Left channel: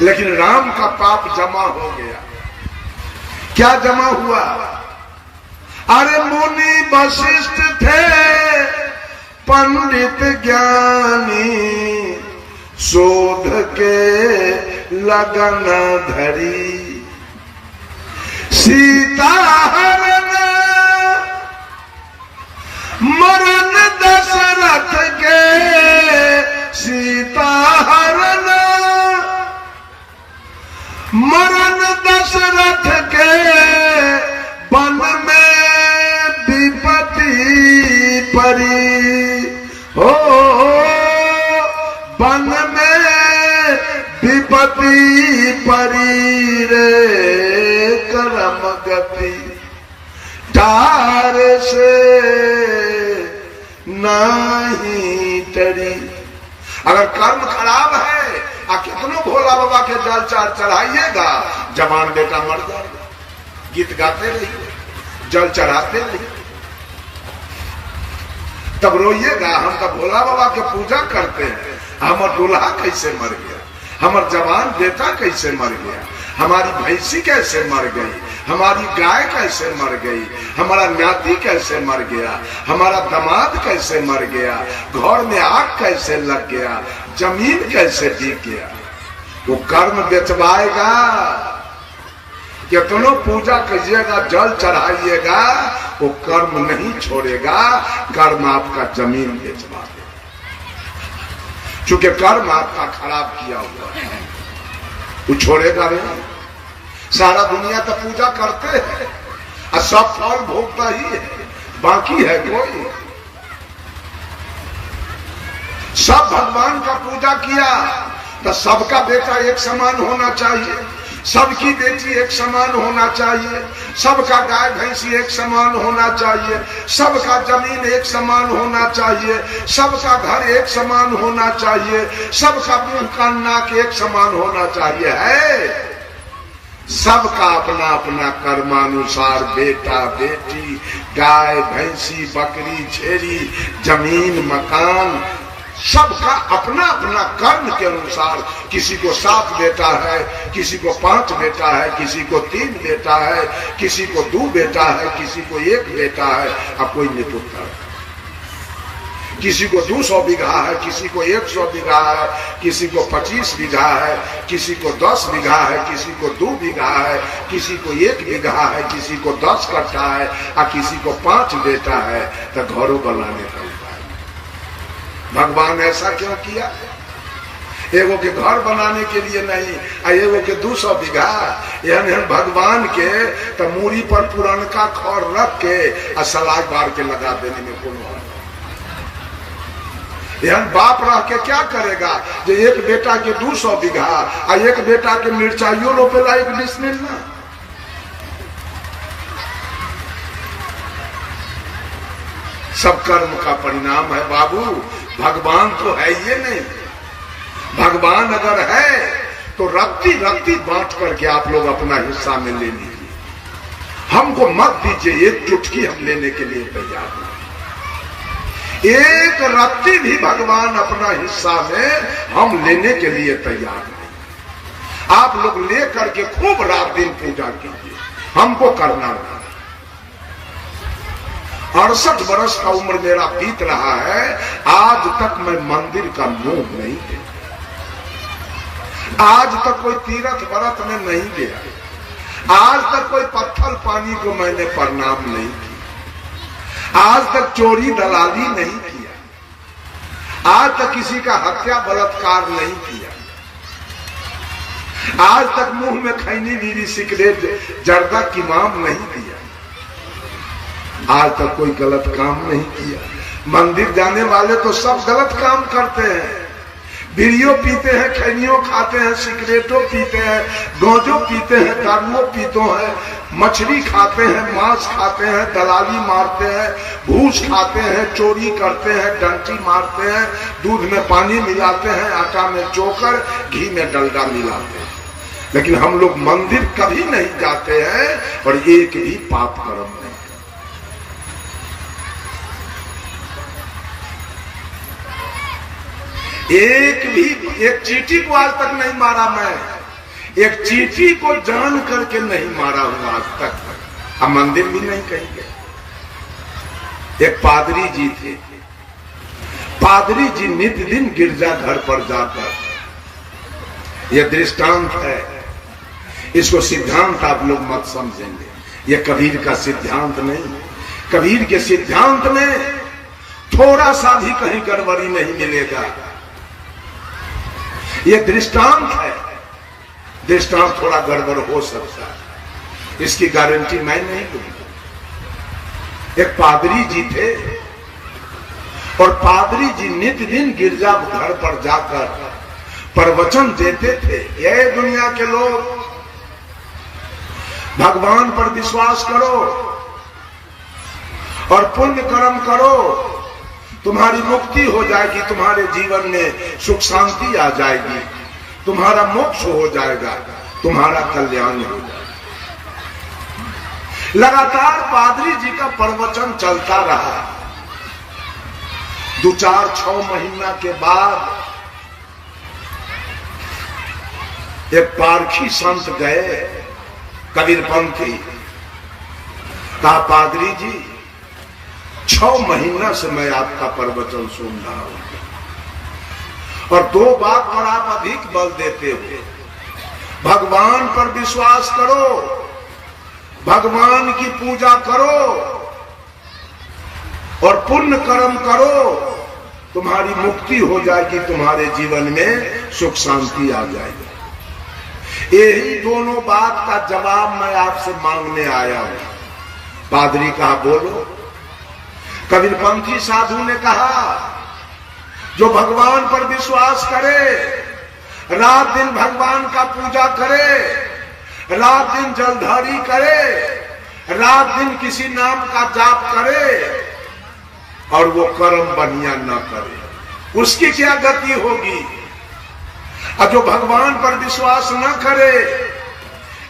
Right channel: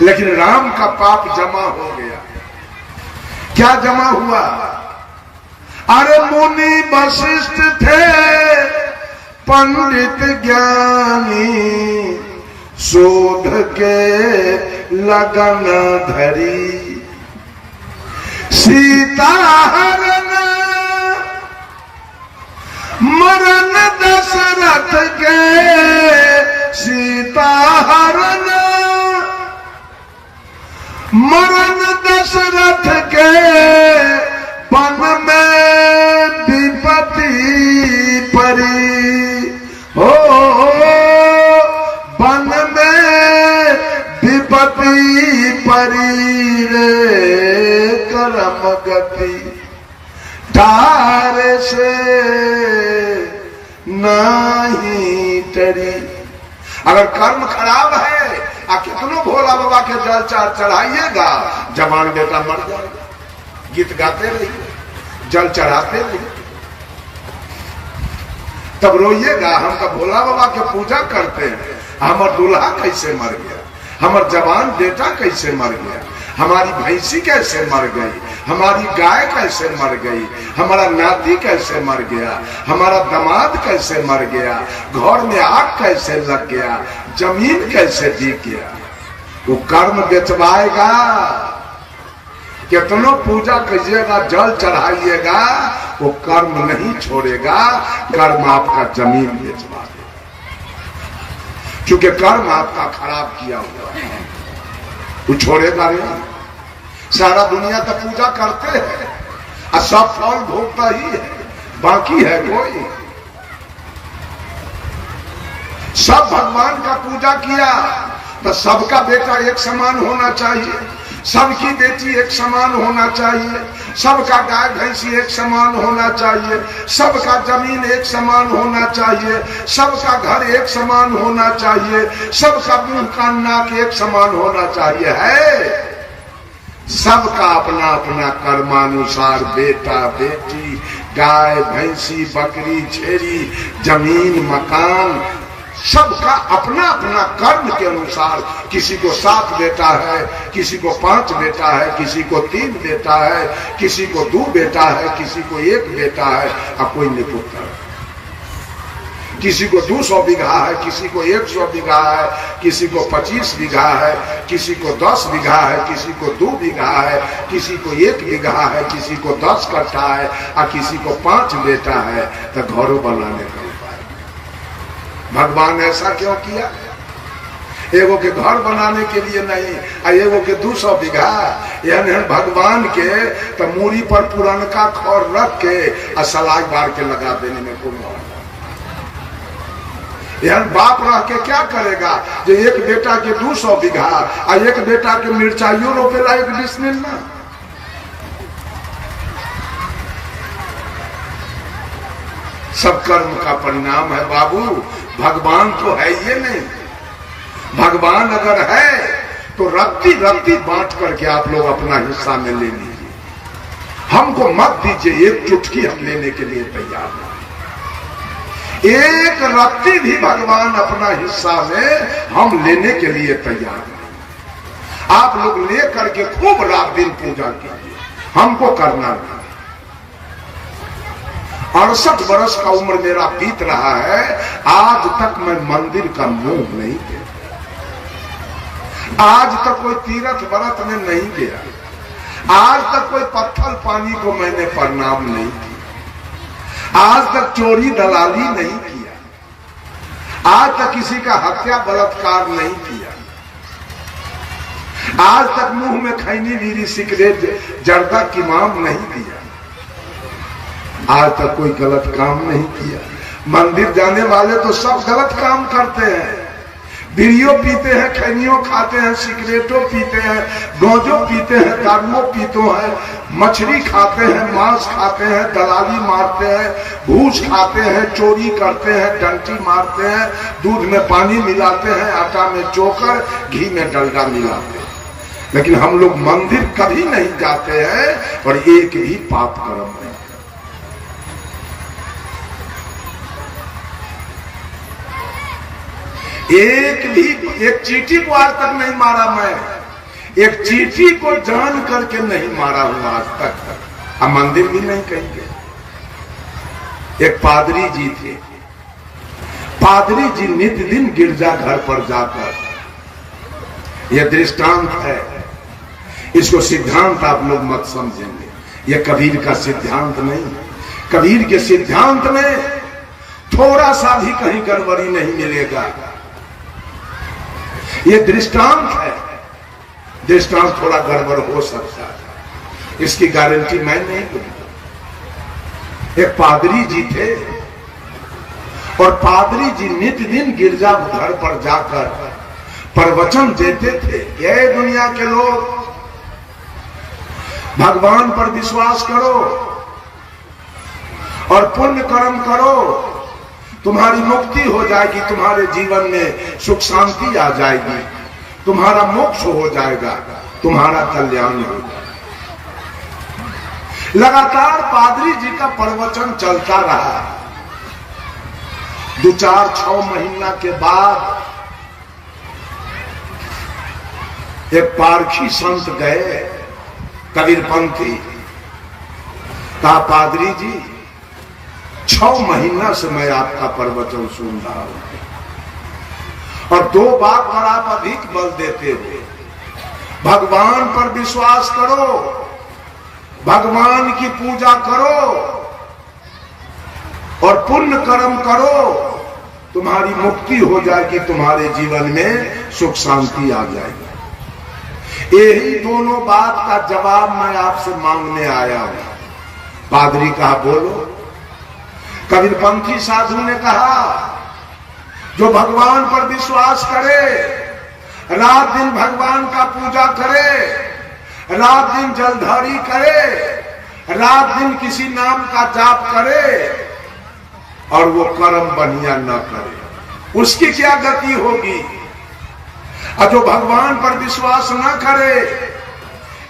लेकिन राम का पाप जमा हो गया। क्या जमा हुआ? अरे मुनि वशिष्ठ थे पंडित ज्ञानी, शोध के लगन धरी, सीता हरण मरण दशरथ के, सीता हरण मरण दशरथ के, वन में विपत्ति परी हो, वन में विपत्ति परी रे, करम गति तार से नहीं टरी। अगर कर्म खराब है कितनो भोला बाबा के जल चार चढ़ाइएगा, जवान बेटा मर जाएगा। गीत गाते रहिए, जल चढ़ाते रहिए, तब रोइएगा हम तो भोला बाबा के पूजा करते हैं, हमार दूल्हा कैसे मर गया, हमार जवान बेटा कैसे मर गया, हमारी भैंसी कैसे मर गई, हमारी गाय कैसे मर गई, हमारा नाती कैसे मर गया, हमारा दामाद कैसे मर गया, घर में आग कैसे लग गया, जमीन कैसे बिक गया। वो कर्म बेचवाएगा। कितनो पूजा कीजिएगा, जल चढ़ाइएगा, वो कर्म नहीं छोड़ेगा, कर्म आपका जमीन बेचवा देगा, क्योंकि कर्म आपका खराब किया हुआ, वो छोड़ेगा नहीं। सारा दुनिया तो पूजा करते हैं और सब फल भोगता ही है, बाकी है कोई? सब भगवान का पूजा किया तो सबका बेटा एक समान होना चाहिए, सबकी बेटी एक समान होना चाहिए, सबका गाय भैंसी एक समान होना चाहिए, सबका जमीन एक समान होना चाहिए, सबका घर एक समान होना चाहिए, सबका मुंह कान नाक एक समान होना चाहिए। है सबका अपना अपना कर्मानुसार बेटा बेटी, गाय भैंसी, बकरी छेरी, जमीन मकान, सबका अपना अपना कर्म के अनुसार, किसी को 7 बेटा है, किसी को 5 बेटा है, किसी को 3 बेटा है, किसी को 2 बेटा है, किसी को 1 बेटा है और कोई निपुत्र है। किसी को 200 बीघा है, किसी को 100 बीघा है, किसी को 25 बीघा है, किसी को 10 बीघा है, किसी को 2 बीघा है, किसी को 1 बीघा है, किसी को 10 कट्ठा है और किसी को 5 बेटा है। तो घरों बनाने का भगवान ऐसा क्यों किया? एगो के घर बनाने के लिए नहीं, एगो के 200 बीघा, यानी भगवान के तो मूरी पर पुरानका खौर रख के सलाई बार के लगा देने में कोई मौका। यानी बाप रह के क्या करेगा जो एक बेटा के 200 बीघा और एक बेटा के मिर्चाइयों रोपेला 1 डिसमिल में। सब कर्म का परिणाम है बाबू, भगवान तो है ये नहीं। भगवान अगर है तो रत्ती रत्ती बांट करके आप लोग अपना हिस्सा में ले लीजिए, हमको मत दीजिए। एक चुटकी हम लेने के लिए तैयार हैं, एक रत्ती भी भगवान अपना हिस्सा में हम लेने के लिए तैयार नहीं। आप लोग ले करके खूब रात दिन पूजा कीजिए, हमको करना नहीं। 68 वर्ष का उम्र मेरा बीत रहा है, आज तक मैं मंदिर का मुंह नहीं देखा, आज तक कोई तीर्थ व्रत में नहीं गया, आज तक कोई पत्थर पानी को मैंने प्रणाम नहीं किया, आज तक चोरी दलाली नहीं किया, आज तक किसी का हत्या बलात्कार नहीं किया, आज तक मुंह में खैनी बीड़ी सिगरेट जर्दा किमाम नहीं दिया, आज तक कोई गलत काम नहीं किया। मंदिर जाने वाले तो सब गलत काम करते हैं, बीड़ियों पीते हैं, खैनियों खाते हैं, सिगरेटों पीते हैं, गांजों पीते हैं, दारुओं पीते हैं, मछली खाते हैं, मांस खाते हैं, दलाली मारते हैं, घूस खाते हैं, चोरी करते हैं, डंटी मारते हैं, दूध में पानी मिलाते हैं, आटा में चोकर, घी में डलडा मिलाते हैं। लेकिन हम लोग मंदिर कभी नहीं जाते हैं और एक भी पाप कर्म नहीं। एक चीटी को आज तक नहीं मारा मैं, एक चींटी को जान करके नहीं मारा हूं आज तक, हम मंदिर भी नहीं कहेंगे। एक पादरी जी थे, पादरी जी नित्य दिन गिरजाघर पर जाकर, यह दृष्टांत है, इसको सिद्धांत आप लोग मत समझेंगे, यह कबीर का सिद्धांत नहीं। कबीर के सिद्धांत में थोड़ा सा भी कहीं गड़बड़ी नहीं मिलेगा। यह दृष्टांत है, दृष्टांत थोड़ा गड़बड़ हो सकता है, इसकी गारंटी मैं नहीं दूंगा। एक पादरी जी थे और पादरी जी नित्य दिन गिरजाघर पर जाकर प्रवचन देते थे, ये दुनिया के लोग भगवान पर विश्वास करो और पुण्य कर्म करो, तुम्हारी मुक्ति हो जाएगी, तुम्हारे जीवन में सुख शांति आ जाएगी, तुम्हारा मोक्ष हो जाएगा, तुम्हारा कल्याण हो जाएगा। लगातार पादरी जी का प्रवचन चलता रहा। 2-4-6 महीना के बाद एक पारखी संत गए, कबीरपंथी, कहा पादरी जी 6 महीना से मैं आपका प्रवचन सुन रहा हूं और 2 बात पर आप अधिक बल देते हुए, भगवान पर विश्वास करो, भगवान की पूजा करो और पुण्य कर्म करो, तुम्हारी मुक्ति हो जाएगी, तुम्हारे जीवन में सुख शांति आ जाएगी। यही दोनों बात का जवाब मैं आपसे मांगने आया हूं। पादरी कहा बोलो। कबीरपंथी साधु ने कहा जो भगवान पर विश्वास करे, रात दिन भगवान का पूजा करे, रात दिन जलधारी करे, रात दिन किसी नाम का जाप करे और वो कर्म बढ़िया न करे, उसकी क्या गति होगी? और जो भगवान पर विश्वास न करे,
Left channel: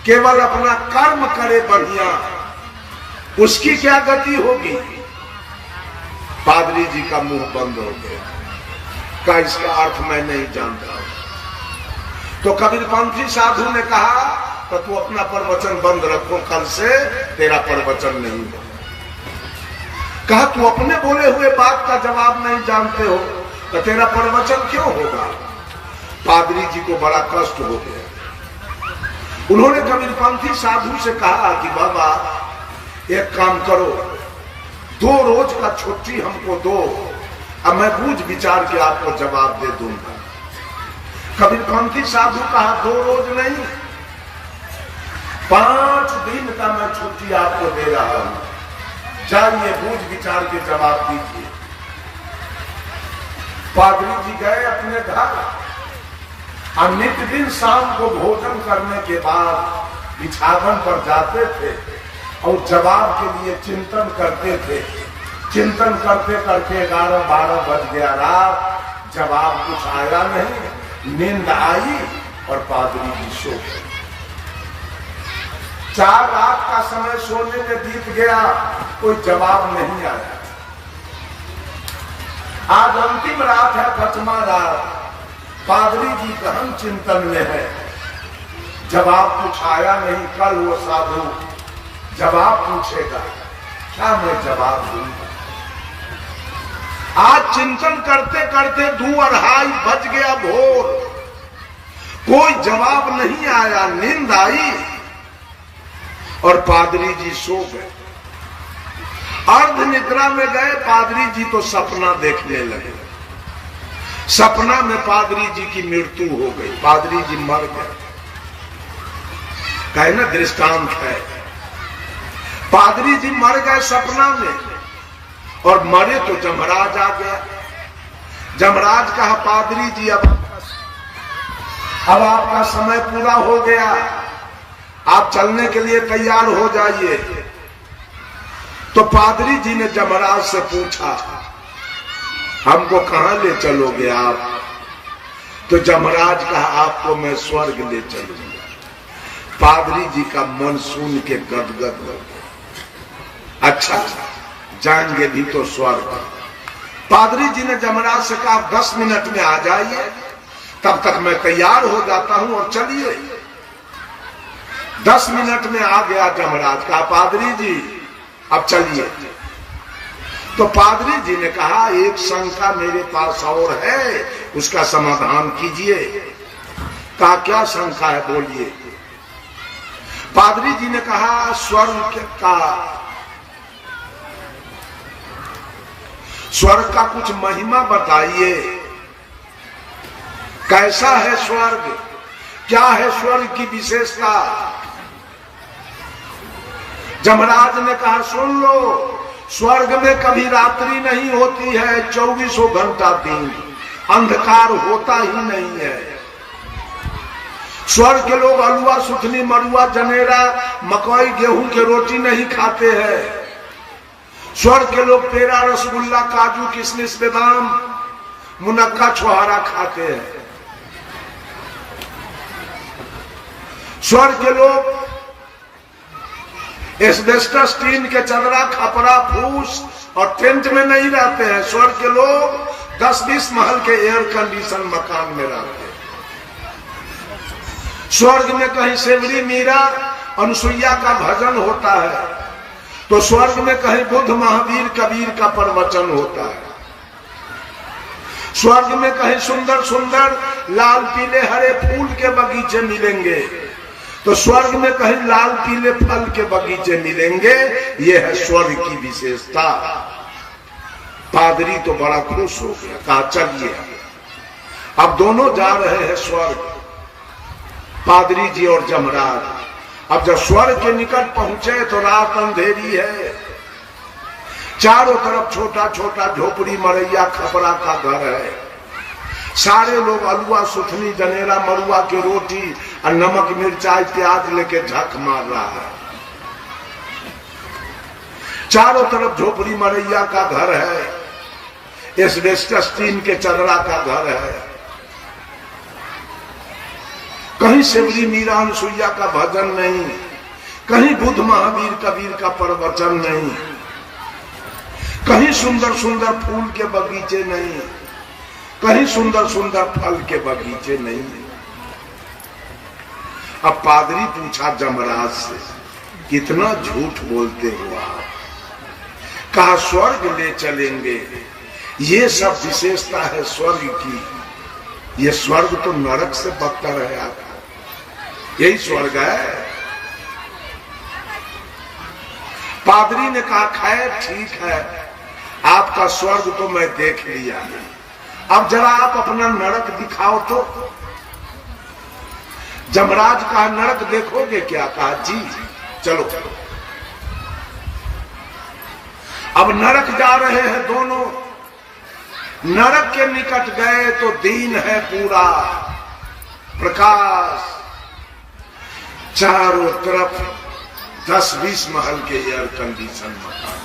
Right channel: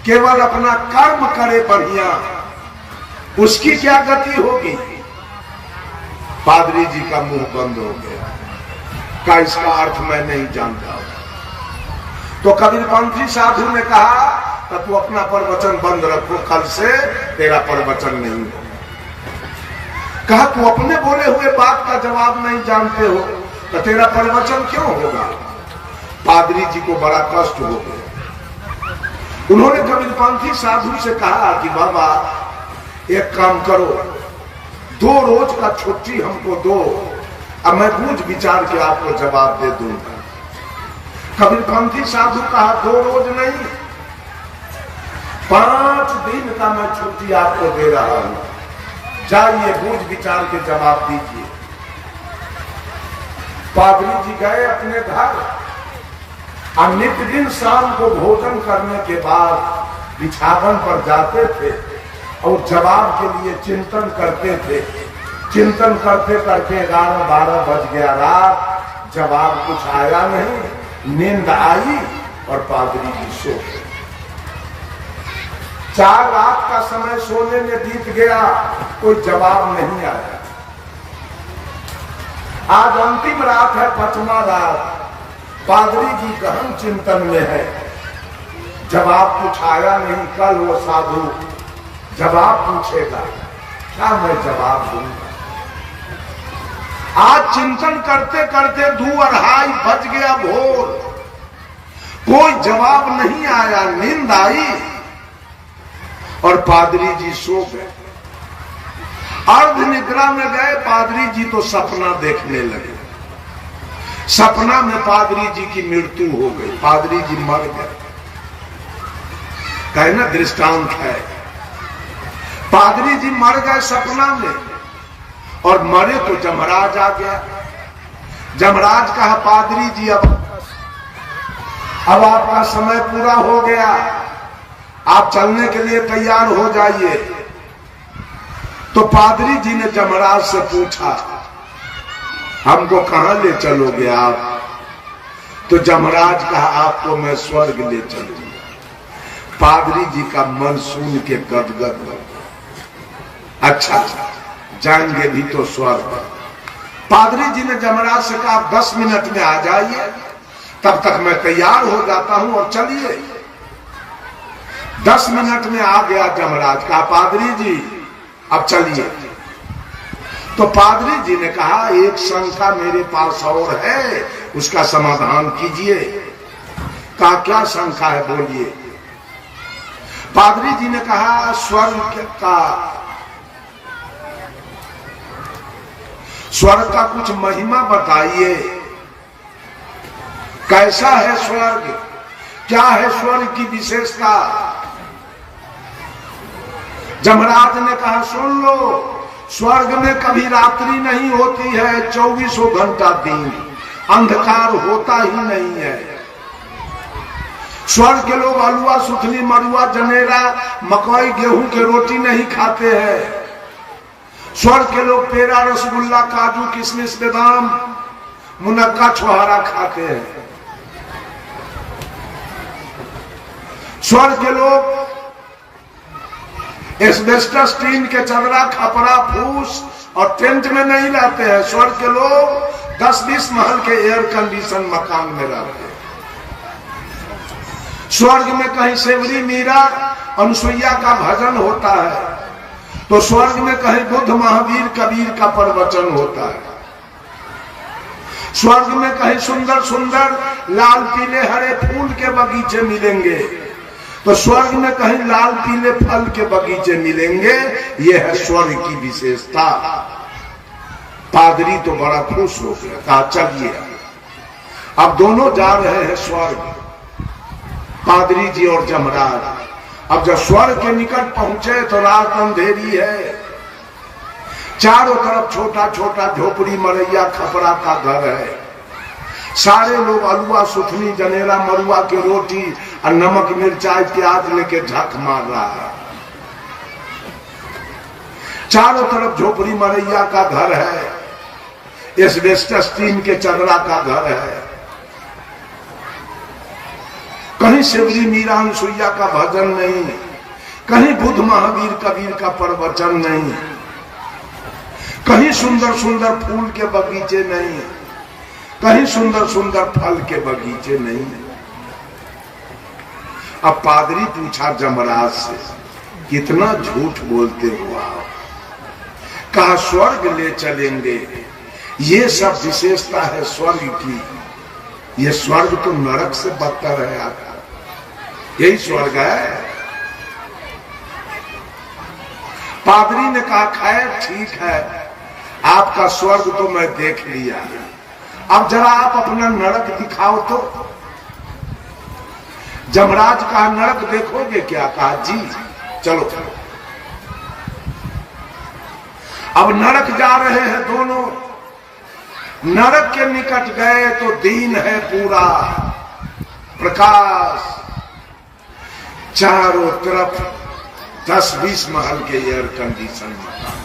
केवल अपना कर्म करे बढ़िया, उसकी क्या गति होगी? पादरी जी का मुंह बंद हो गया, का इसका अर्थ मैं नहीं जानता। तो कबीरपंथी साधु ने कहा कि तू अपना प्रवचन बंद रखो, कल से तेरा प्रवचन नहीं होगा। कहा तू अपने बोले हुए बात का जवाब नहीं जानते हो तो तेरा प्रवचन क्यों होगा? पादरी जी को बड़ा कष्ट हो गया। उन्होंने कबीरपंथी साधु से कहा कि बाबा एक काम करो, 2 रोज का छुट्टी हमको दो, अब मैं बूझ विचार के आपको जवाब दे दूंगा। कबीरपंथी साधु कहा 2 रोज नहीं, 5 दिन का मैं छुट्टी आपको दे रहा हूं, जाइए बूझ विचार के जवाब दीजिए। पादरी जी गए अपने घर और नित्य दिन शाम को भोजन करने के बाद बिछावन पर जाते थे और जवाब के लिए चिंतन करते थे। चिंतन करते करते 11-12 बज गया रात, जवाब कुछ आया नहीं, नींद आई और पादरी जी सो गए। 4 रात का समय सोने में बीत गया, कोई जवाब नहीं आया। आज अंतिम रात है, 5वां रात, पादरी जी गहन चिंतन में है, जवाब कुछ आया नहीं। कल वो साधु जवाब पूछेगा, क्या मैं जवाब दूंगा? आज चिंतन करते करते 2-2:30 बज गया भोर, कोई जवाब नहीं आया, नींद आई और पादरी जी सो गए। अर्ध निद्रा में गए पादरी जी तो सपना देखने लगे। सपना में पादरी जी की मृत्यु हो गई, पादरी जी मर गए। कहे ना दृष्टांत है, पादरी जी मर गए सपना में और मरे तो जमराज आ गया। जमराज कहा पादरी जी अब आपका समय पूरा हो गया, आप चलने के लिए तैयार हो जाइए। तो पादरी जी ने जमराज से पूछा हमको कहां ले चलोगे आप? तो जमराज कहा आपको मैं स्वर्ग ले चलूंगा। पादरी जी का मन सुन के गदगद हो गया, अच्छा जाएंगे भी तो स्वर्ग। पादरी जी ने जमराज से कहा 10 मिनट में आ जाइए, तब तक मैं तैयार हो जाता हूं और चलिए। 10 मिनट में आ गया जमराज। कहा पादरी जी अब चलिए। तो पादरी जी ने कहा एक शंका मेरे पास और है, उसका समाधान कीजिए। कहा क्या शंका है बोलिए। पादरी जी ने कहा स्वर्ग का कुछ महिमा बताइए, कैसा है स्वर्ग, क्या है स्वर्ग की विशेषता। जमराज ने कहा सुन लो, स्वर्ग में कभी रात्रि नहीं होती है, 24 घंटा दिन, अंधकार होता ही नहीं है। स्वर्ग के लोग अलुआ सुथनी मरुआ जनेरा मकई गेहूं के रोटी नहीं खाते हैं। स्वर्ग के लोग पेड़ा रसगुल्ला काजू किशमिश बादाम मुनक्का छुहारा खाते हैं। स्वर्ग के लोग एस्बेस्टस टीन के चदरा खपरा फूस और टेंट में नहीं रहते हैं। स्वर्ग के लोग 10-20 महल के एयर कंडीशन मकान में रहते हैं। स्वर्ग में कहीं सेवरी मीरा अनुसुईया का भजन होता है, तो स्वर्ग में कहीं बुद्ध महावीर कबीर का प्रवचन होता है। स्वर्ग में कहीं सुंदर सुंदर लाल पीले हरे फूल के बगीचे मिलेंगे, तो स्वर्ग में कहीं लाल पीले फल के बगीचे मिलेंगे। ये है स्वर्ग की विशेषता। पादरी तो बड़ा खुश हो गया। कहा चलिए अब दोनों जा रहे हैं स्वर्ग, पादरी जी और जमराज। अब जब स्वर्ग के निकट पहुंचे तो रात अंधेरी है। चारों तरफ छोटा छोटा झोपड़ी मरैया खपरा का घर है। सारे लोग अलुआ सुथनी जनेरा मरुआ की रोटी और नमक मिर्चाई प्याज लेके झक मार रहा है। चारों तरफ झोपड़ी मरैया का घर है, एस्बेस्टस टीन के चदरा का घर है। कहीं सेवरी मीरा अनुसुईया का भजन नहीं, कहीं बुद्ध महावीर कबीर का प्रवचन नहीं, कहीं सुंदर सुंदर फूल के बगीचे नहीं, कहीं सुंदर सुंदर फल के बगीचे नहीं। अब पादरी पूछा जमराज से कितना झूठ बोलते हो आप। कहा स्वर्ग ले चलेंगे, ये सब विशेषता है स्वर्ग की। ये स्वर्ग तो नरक से बदतर है आता, यही स्वर्ग है। पादरी ने कहा खैर ठीक है, आपका स्वर्ग तो मैं देख लिया, अब जरा आप अपना नरक दिखाओ तो। जमराज कहा नरक देखोगे क्या। कहा जी चलो चलो। अब नरक जा रहे हैं दोनों। नरक के निकट गए तो दिन है पूरा प्रकाश, चारों तरफ 10-20 महल के एयर कंडीशन मकान,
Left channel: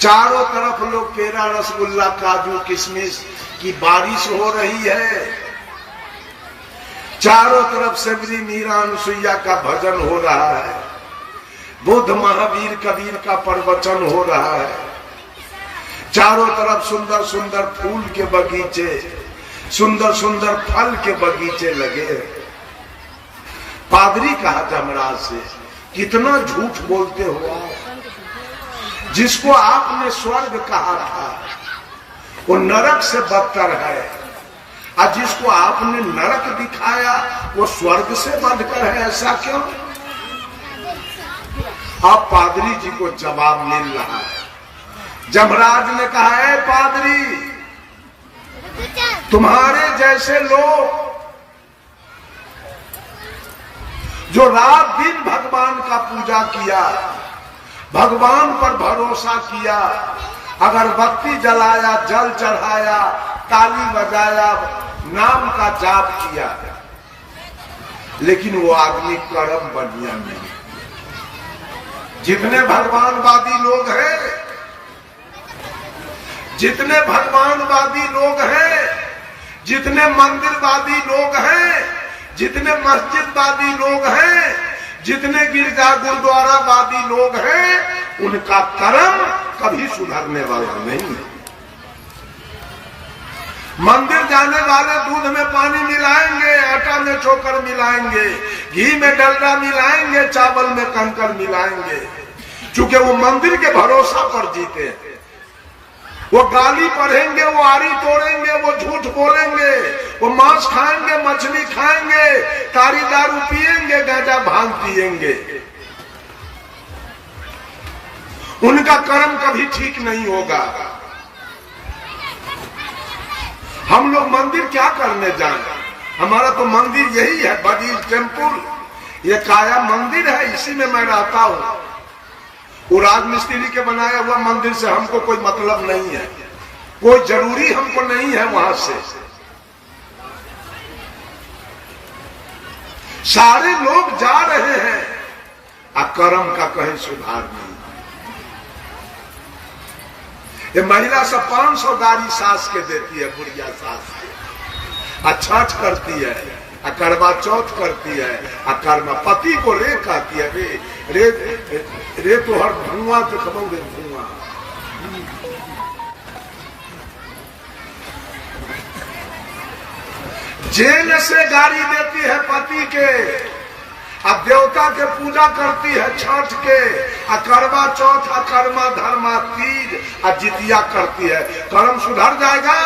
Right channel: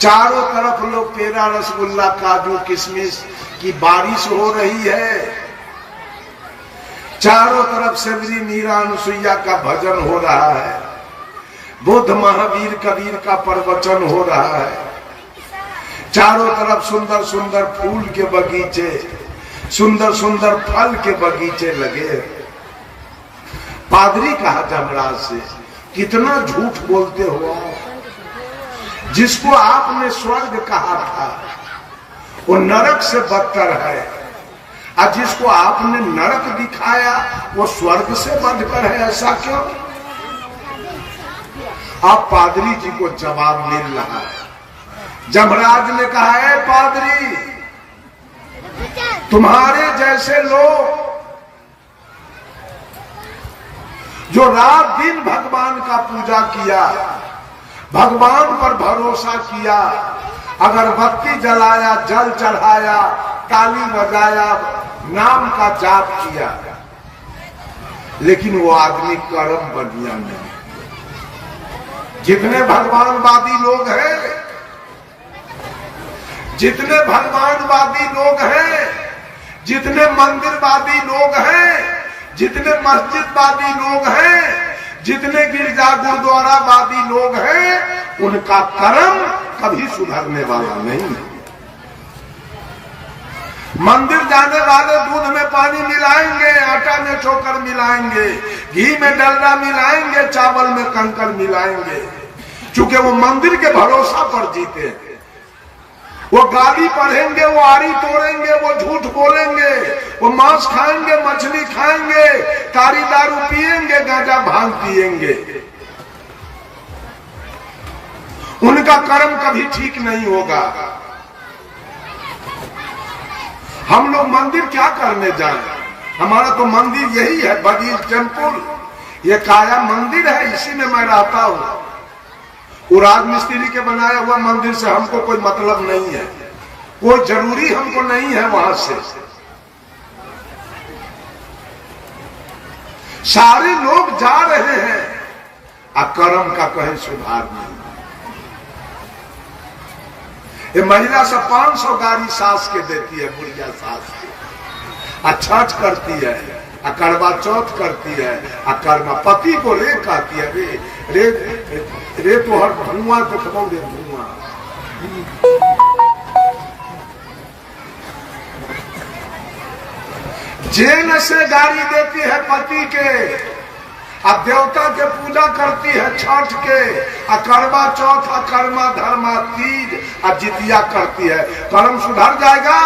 चारों तरफ लोग पेड़ा रसगुल्ला काजू किशमिश की बारिश हो रही है। चारों तरफ सेवरी मीरा अनुसुईया का भजन हो रहा है, बुद्ध महावीर कबीर का प्रवचन हो रहा है। चारों तरफ सुंदर सुंदर फूल के बगीचे, सुंदर सुंदर फल के बगीचे लगे। पादरी कहा जमराज से कितना झूठ बोलते हो। जिसको आपने स्वर्ग कहा था वो नरक से बदतर है, और जिसको आपने नरक दिखाया वो स्वर्ग से बढ़कर है, ऐसा क्यों। आप पादरी जी को जवाब मिल रहा है। जमराज ने कहा है पादरी, तुम्हारे जैसे लोग जो रात दिन भगवान का पूजा किया, भगवान पर भरोसा किया, अगरबत्ती जलाया, जल चढ़ाया, ताली बजाया, नाम का जाप किया, लेकिन वो आदमी कर्म बढ़िया नहीं। जितने भगवानवादी लोग हैं, जितने भगवानवादी लोग हैं, जितने मंदिरवादी लोग हैं, जितने मस्जिदवादी लोग हैं, जितने गिरजा गुरुद्वारावादी लोग हैं, उनका कर्म कभी सुधरने वाला नहीं है। मंदिर जाने वाले दूध में पानी मिलाएंगे, आटा में ठोकर मिलाएंगे, घी में डलडा मिलाएंगे, चावल में कंकर मिलाएंगे, क्योंकि वो मंदिर के भरोसा पर जीते हैं। वो गाली पढ़ेंगे, वो आरी तोड़ेंगे, वो झूठ बोलेंगे, वो मांस खाएंगे, मछली खाएंगे, तारी दारू पिएंगे, गांजा भांग पिएंगे। उनका कर्म कभी ठीक नहीं होगा। हम लोग मंदिर क्या करने जाए? हमारा तो मंदिर यही है, बगीच टेम्पुल, ये काया मंदिर है, इसी में मैं रहता हूं। वो राजमिस्त्री के बनाया हुआ मंदिर से हमको कोई मतलब नहीं है, कोई जरूरी हमको नहीं है वहां से। सारे लोग जा रहे हैं, कर्म का कहीं सुधार नहीं। ये महिला सब 500 गाड़ी सास के देती है, बुढ़िया सास के, छठ करती है, करवा चौथ करती है, कर्मा पति को रे कहती है, रे तो हर धुआं तो खबोगे धुआं। जेल से गाड़ी देती है पति के, अब देवता के पूजा करती है छठ के, करवा चौथ, कर्मा धर्मा तीज, जितिया करती है। कर्म सुधर जाएगा?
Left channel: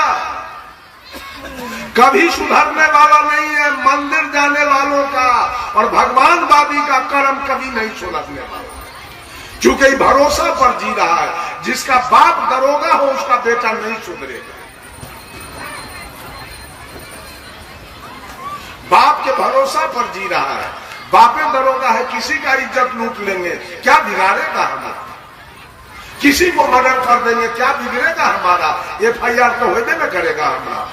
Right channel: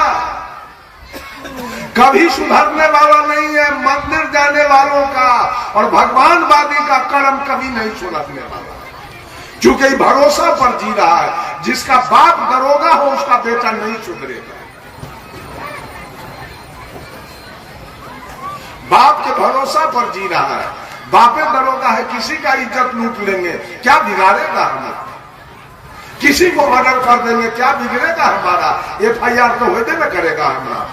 कभी सुधरने वाला नहीं है। मंदिर जाने वालों का और भगवानवादी का कर्म कभी नहीं सुधरने वाला, क्योंकि भरोसा पर जी रहा है। जिसका बाप दरोगा हो उसका बेटा नहीं सुधरेगा। बाप के भरोसा पर जी रहा है, बापे दरोगा है, किसी का इज्जत लूट लेंगे, क्या बिगाड़ेगा हमें? किसी को मर्डर कर देंगे, क्या बिगड़ेगा हमारा? FIR तो होते न करेगा हमारा,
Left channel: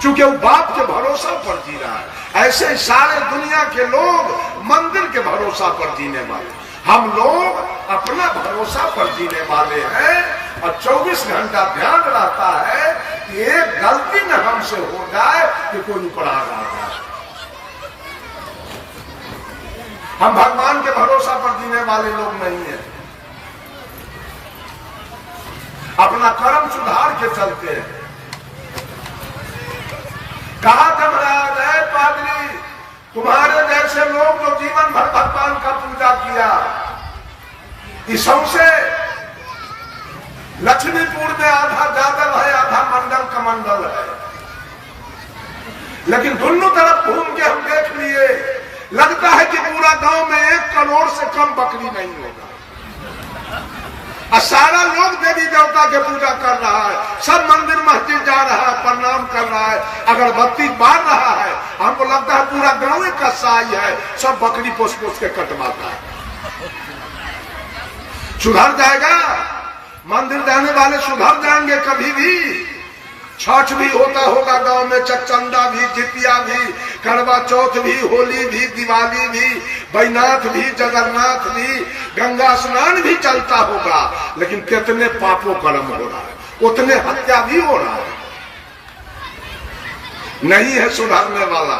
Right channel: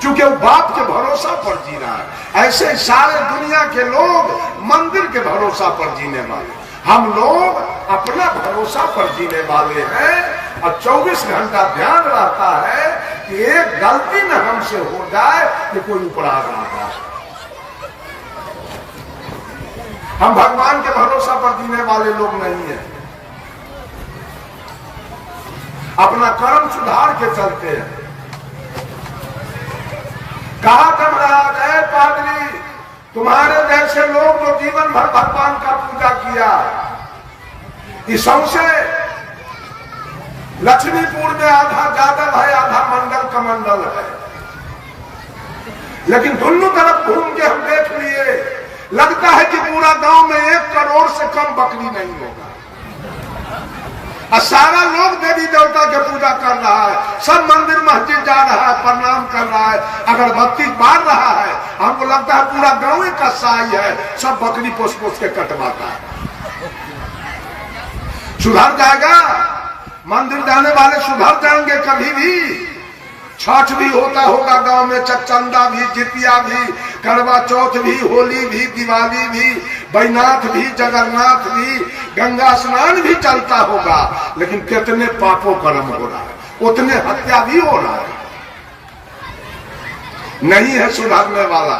क्योंकि वो बाप के भरोसा पर जी रहा है। ऐसे सारे दुनिया के लोग मंदिर के भरोसा पर जीने वाले, हम लोग अपना भरोसा पर जीने वाले हैं। और 24 घंटा ध्यान रहता है कि एक गलती न हमसे हो जाए कि कोई ऊपर आ रहा है। हम भगवान के भरोसा पर जीने वाले लोग नहीं हैं, अपना कर्म सुधार के चलते हैं। कहा महाराज, है पादरी, तुम्हारे जैसे लोग जो जीवन भर भगवान का पूजा किया, इससे लक्ष्मीपुर में आधा जादव है, आधा मंडल कमंडल है, लेकिन दोनों तरफ घूम के हम देख लिए, लगता है कि पूरा गांव में 1 करोड़ से कम बकरी नहीं होगा। और सारा लोग देवी देवता की पूजा कर रहा है, सब मंदिर मस्जिद जा रहा है, प्रणाम कर रहा है, अगरबत्ती बार रहा है। हमको लगता है पूरा गांव का साई है, सब बकरी पोस पोस के कटवाता है। सुधर जाएगा? मंदिर जाने वाले सुधर जाएंगे कभी भी? छठ भी होता होगा गांव में, चकचंदा भी, जितिया भी, करवा चौथ भी, होली भी, दिवाली भी, बैनाथ भी, जगन्नाथ भी, गंगा स्नान भी चलता होगा, लेकिन कितने पापों कर्म हो रहा है, उतने हत्या भी हो रहा है। नहीं है सुधारने वाला।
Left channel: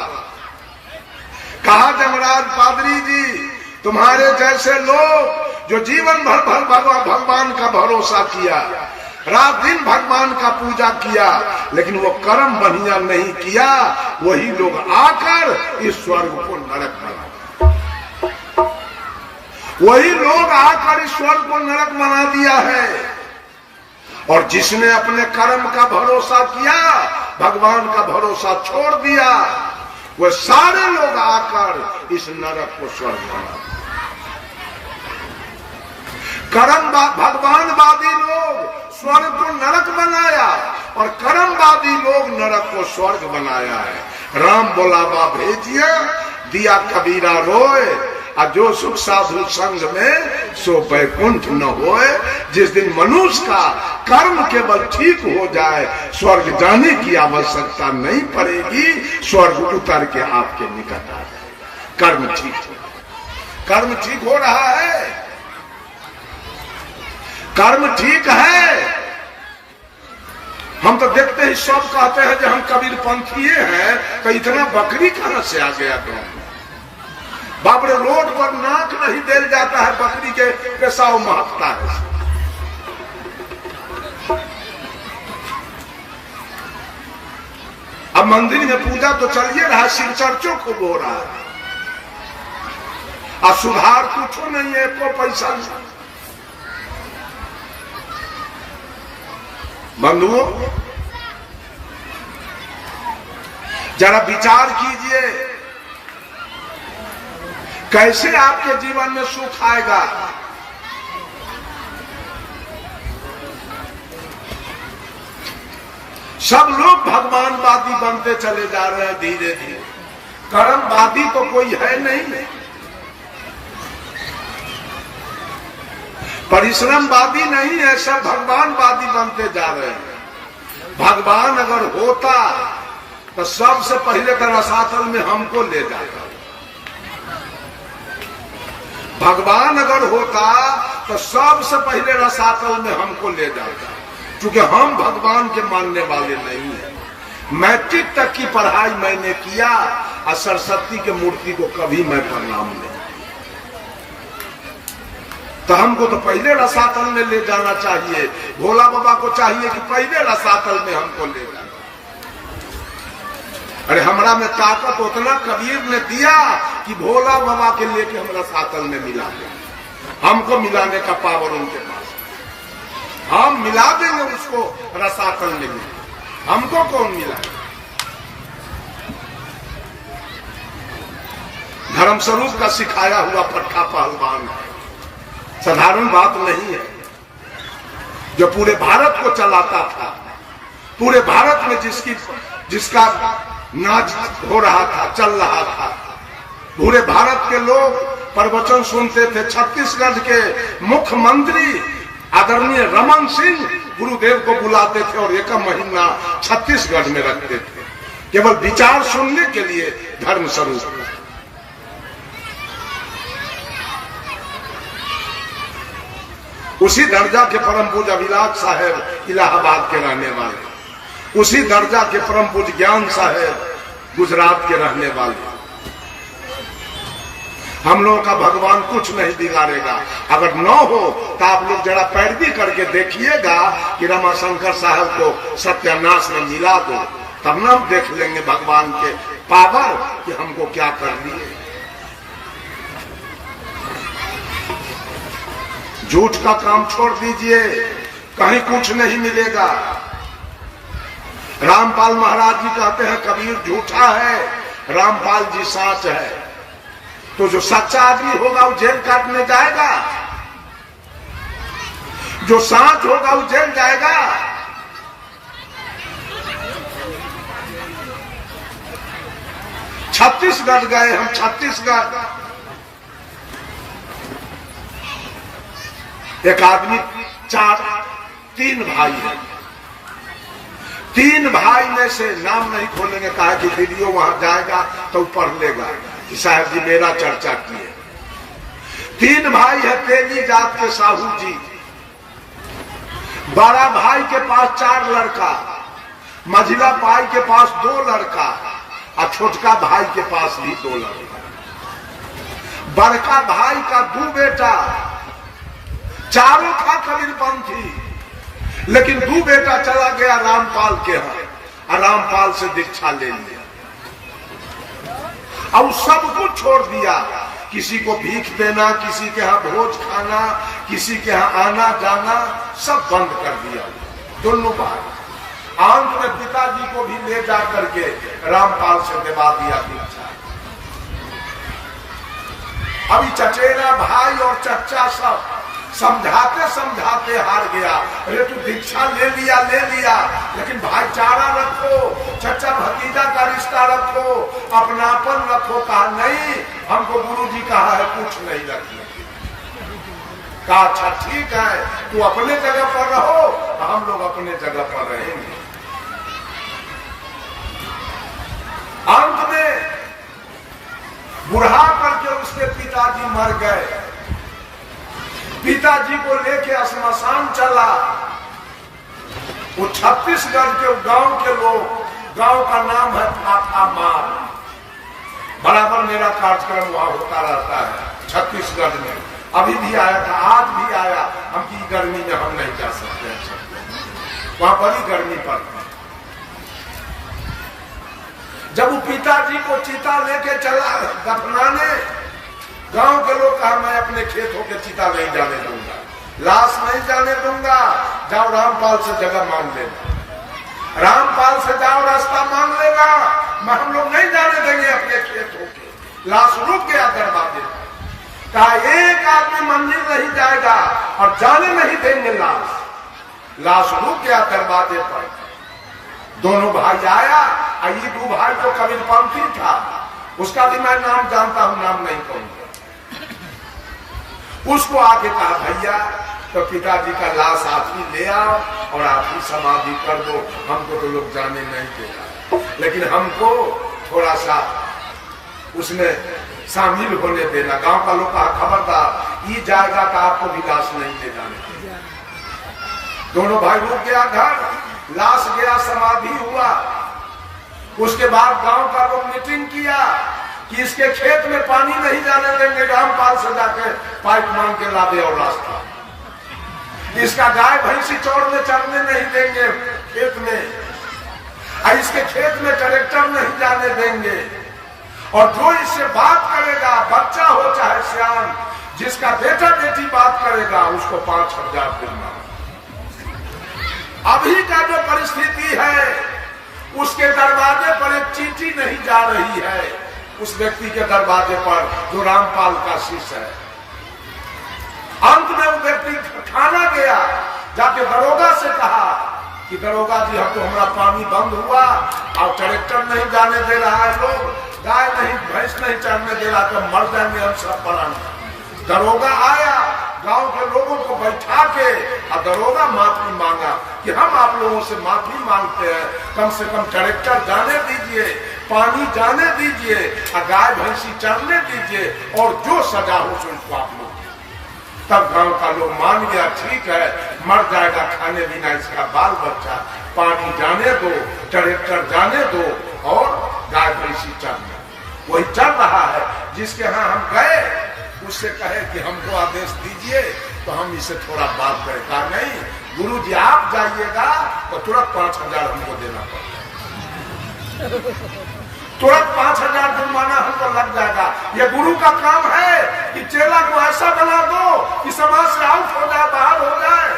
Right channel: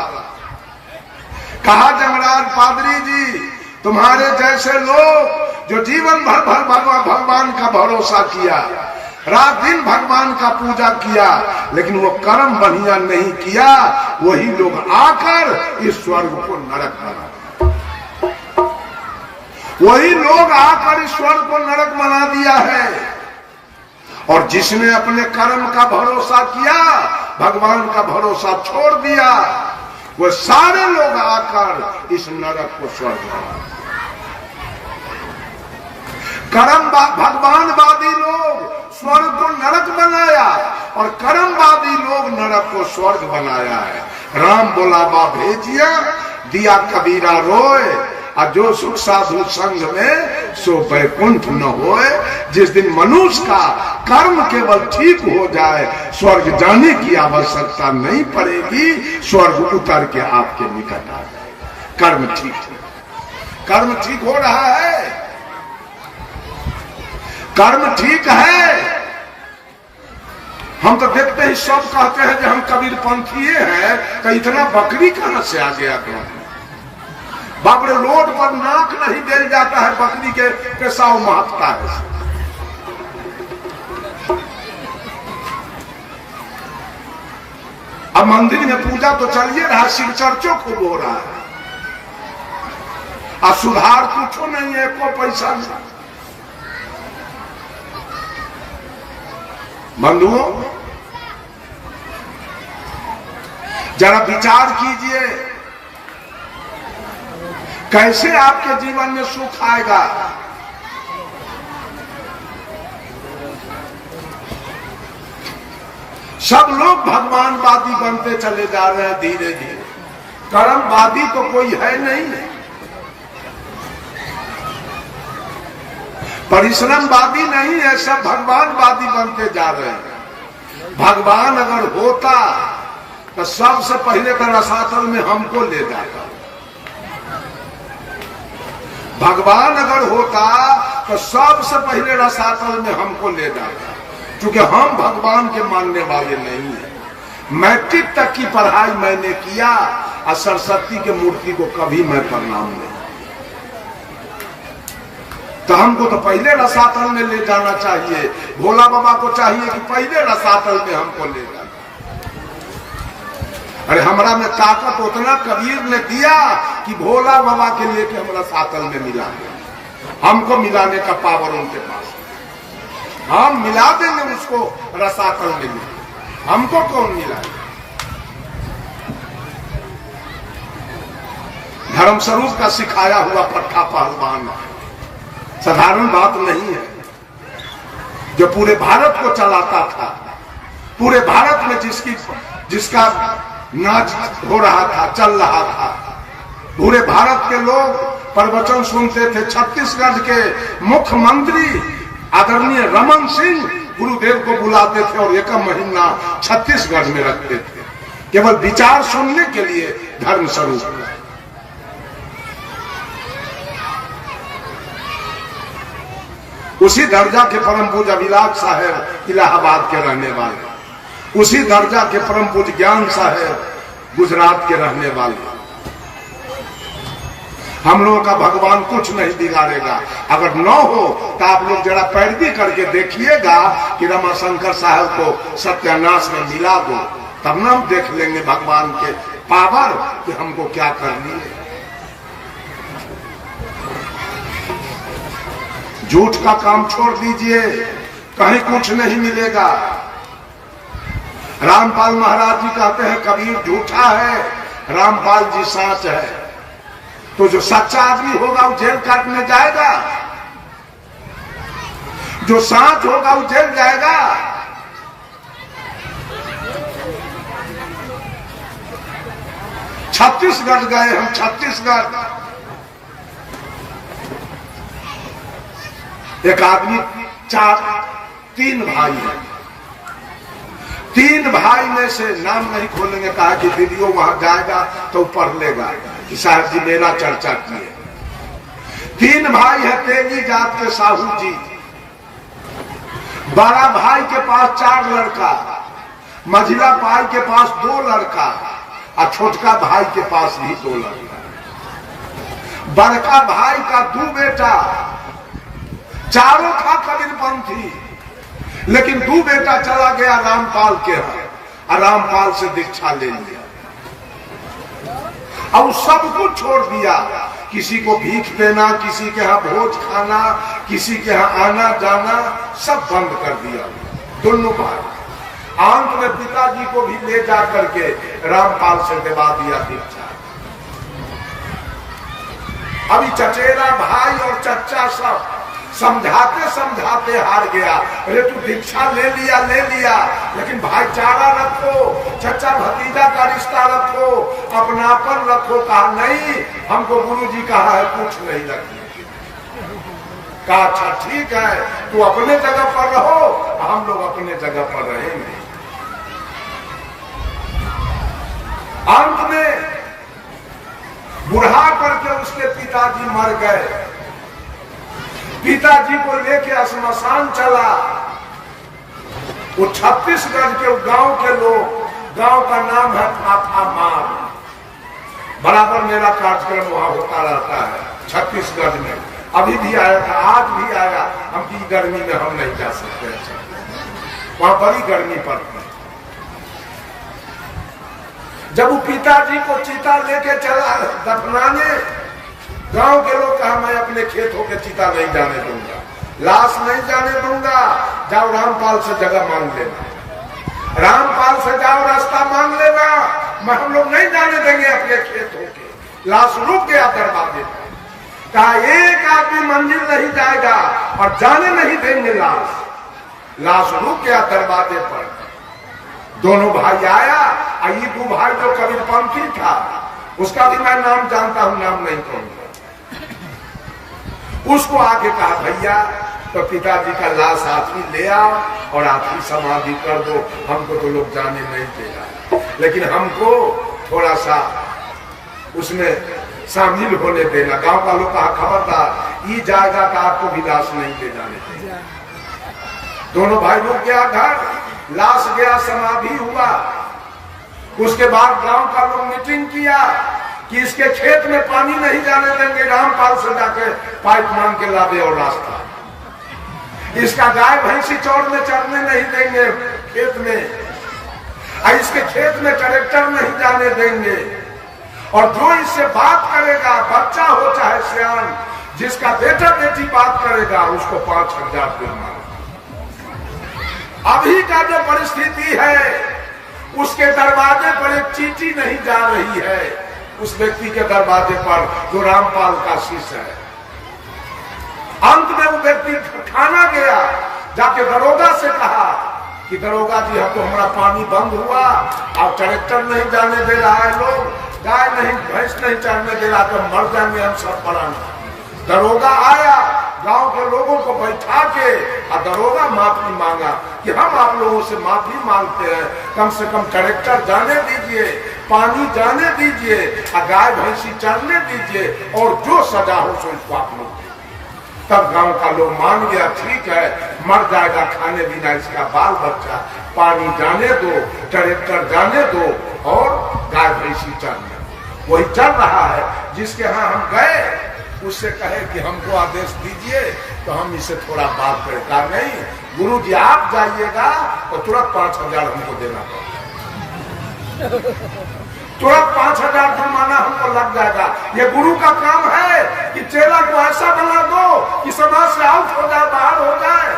कहा जमराज पादरी जी, तुम्हारे जैसे लोग जो जीवन भर भगवान का भरोसा किया, रात दिन भगवान का पूजा किया, लेकिन वो कर्म बढ़िया नहीं किया, वही लोग आकर इस स्वर्ग को नरक बना, वही लोग आकर इस स्वर्ग को नरक बना दिया है। और जिसने अपने कर्म का भरोसा किया, भगवान का भरोसा छोड़ दिया, वो सारे लोग आकर इस नरक को स्वर्ग बना। कर्म भगवानवादी लोग स्वर्ग को नरक बनाया और कर्मवादी लोग नरक को स्वर्ग बनाया है। राम बोलावा भेजिया, दिया कबीरा रोए, और जो सुख साधु संग में सो बैकुंठ न होए। जिस दिन मनुष्य का कर्म केवल ठीक हो जाए, स्वर्ग जाने की आवश्यकता नहीं पड़ेगी, स्वर्ग उतर के आपके निकट आ जाए। कर्म ठीक हो रहा है, कर्म ठीक है। हम तो देखते ही सब कहते हैं कि हम कबीर पंथी हैं, कि इतना बकरी कहां से आ गया गांव में? बाप रे, रोड पर नाक नहीं देल जाता है, बकरी के पेशाव महत्ता है। अब मंदिर में पूजा तो चलिए रहा, शिव चर्चों खूब हो रहा है, अब सुधार कुछ नहीं है, कोई पैसा नहीं। बंधुओं, जरा विचार कीजिए, कैसे आपके जीवन में सुख आएगा। सब लोग भगवानवादी बनते चले जा रहे हैं धीरे धीरे, कर्मवादी तो कोई है नहीं, परिश्रमवादी नहीं है, सब भगवानवादी बनते जा रहे हैं। भगवान अगर होता तो सबसे पहले तो रसातल में हमको ले जाता। भगवान अगर होता तो सबसे पहले रसातल में हमको ले जाता, क्योंकि हम भगवान के मानने वाले नहीं हैं। मैट्रिक तक की पढ़ाई मैंने किया और सरस्वती के मूर्ति को कभी मैं प्रणाम नहीं, तो हमको तो पहले रसातल में ले जाना चाहिए। भोला बाबा को चाहिए कि पहले रसातल में हमको ले जाना। अरे हमरा में ताकत उतना कबीर ने दिया कि भोला बाबा के लेके हम रसातल में मिला दे, हमको मिलाने का पावर उनके पास, हम मिला देंगे उसको रसातल में, हमको कौन मिलाए। धर्मस्वरूप का सिखाया हुआ पट्टा पहलवान साधारण बात नहीं है, जो पूरे भारत को चलाता था, पूरे भारत में जिसका नाच हो रहा था, चल रहा था, पूरे भारत के लोग प्रवचन सुनते थे। छत्तीसगढ़ के मुख्यमंत्री आदरणीय रमन सिंह गुरुदेव को बुलाते थे और एक महीना छत्तीसगढ़ में रखते थे, केवल विचार सुनने के लिए धर्म स्वरूप। उसी दर्जा के परम पूज्य अभिलाष साहब इलाहाबाद के रहने वाले, उसी दर्जा के परम पूज्य ज्ञान साहब गुजरात के रहने वाले। हम लोगों का भगवान कुछ नहीं बिगाड़ेगा। अगर न हो तो आप लोग जरा पैरवी करके देखिएगा कि रमाशंकर साहब को सत्यानाश में मिला दो, तब ना हम देख लेंगे भगवान के पावर कि हमको क्या करनी है। झूठ का काम छोड़ दीजिए, कहीं कुछ नहीं मिलेगा। रामपाल महाराज जी कहते हैं कबीर झूठा है, रामपाल जी साच है। तो जो सच्चा आदमी होगा वो जेल काटने जाएगा, जो साच होगा वो जेल जाएगा। छत्तीसगढ़ गए हम, छत्तीसगढ़ एक आदमी तीन भाई है, तीन भाई में से नाम नहीं खोलेंगे, कहा कि वीडियो वहां जाएगा तो पढ़ लेगा कि साहब जी मेरा चर्चा किए। तीन भाई है, तेली जात के साहू जी। बड़ा भाई के पास 4 लड़का, मझिला भाई के पास 2 लड़का और छोटका भाई के पास भी 2 लड़का। बड़का भाई का 2 बेटा, चारों था कबीरपंथी, लेकिन 2 बेटा चला गया रामपाल के यहाँ और रामपाल से दीक्षा ले लिया और सब कुछ छोड़ दिया। किसी को भीख देना, किसी के यहाँ भोज खाना, किसी के यहाँ आना जाना, सब बंद कर दिया दोनों भाई। अंत में पिताजी को भी ले जा करके रामपाल से दिवा दिया दीक्षा। अभी चचेरा भाई और चच्चा सब समझाते समझाते हार गया। अरे तू दीक्षा ले लिया, लेकिन भाईचारा रखो, चचा भतीजा का रिश्ता रखो, अपनापन रखो। कहा नहीं, हमको गुरुजी कहा है कुछ नहीं रखिए। कहा अच्छा ठीक है, तू अपने जगह पर रहो, हम लोग अपने जगह पर रहेंगे। अंत में बुढ़ा करके उसके पिताजी मर गए। पिताजी को लेके श्मशान चला। वो छत्तीसगढ़ के गांव के लोग, गांव का नाम है फाथा मार। बराबर मेरा कार्यक्रम वहां होता रहता है छत्तीसगढ़ में। अभी भी आया था, आज भी आया। हम की गर्मी में हम नहीं जा सकते, वहां बड़ी गर्मी पड़ती। जब वो पिताजी को चिता लेके चला दफनाने, गांव के लोग कहा मैं अपने खेत होके चिता नहीं जाने दूंगा, लाश नहीं जाने दूंगा, जाओ रामपाल से जगह मांग लेना, रामपाल से जाओ रास्ता मांग लेना, मैं हम लोग नहीं जाने देंगे अपने खेत होके। लाश रुक गया दरवाजे पर, कहा एक आदमी मंदिर नहीं जाएगा और जाने नहीं देंगे लाश रुक गया दरवाजे पर। दोनों भाई आया, ये दो भाई तो कबीरपंथी था, उसका भी मैं नाम जानता हूं, नाम नहीं कहूंगा। उसको आके कहा भैया तो पिताजी का लाश आप ही ले आओ और आप ही समाधि कर दो, हमको तो लोग जाने नहीं देगा, लेकिन हमको थोड़ा सा उसमें शामिल होने देना। गांव का लोग कहा खबरदार ये जाएगा तो आपको भी लाश नहीं ले जाने। दोनों भाई रुक गया घर, लाश गया, समाधि हुआ। उसके बाद गांव का लोग मीटिंग किया कि इसके खेत में पानी नहीं जाने देंगे, रामपाल से जाके पाइप मांग के ला दे और रास्ता। इसका गाय भैंसी चरने नहीं देंगे खेत में, इसके खेत में ट्रैक्टर नहीं जाने देंगे, और जो इससे बात करेगा, बच्चा हो चाहे सियान, जिसका बेटा बेटी बात करेगा उसको 5,000 दूंगा। अभी का जो परिस्थिति है, उसके दरवाजे पर एक चींटी नहीं जा रही है, उस व्यक्ति के दरवाजे पर जो रामपाल का शिष्य है। अंत में वो व्यक्ति खाना गया, जाके दरोगा से कहा कि दरोगा जी हम तो हमारा पानी बंद हुआ और ट्रैक्टर नहीं जाने दे रहा है, लोग गाय नहीं भैंस नहीं चढ़ने दे रहा, तो मर जाएंगे हम सब परान। दरोगा आया, गांव के लोगों को बैठा के और दरोगा माफी मांगा कि हम आप लोगों से माफी मांगते हैं, कम से कम ट्रैक्टर जाने दीजिए, पानी जाने दीजिए, और गाय भैंसी चरने दीजिए, और जो सजा हो सो इसको आप लोग। तब गांव का लोग मान गया, ठीक है मर जाएगा खाने बिना इसका बाल बच्चा, पानी जाने दो, ट्रैक्टर जाने दो, और गाय भैंसी चरने। वही चल रहा है। जिसके यहाँ हम गए उससे कहे कि हमको आदेश दीजिए तो हम इससे थोड़ा बात करें। कहा नहीं गुरु जी आप जाइएगा तो तुरंत 5,000 हमको देना पड़ेगा, तुरंत 5,000 जुर्माना हमको लग जाएगा। ये गुरु का काम है कि चेला को ऐसा बना दो कि समाज से आउट हो जाए, बाहर हो जाए।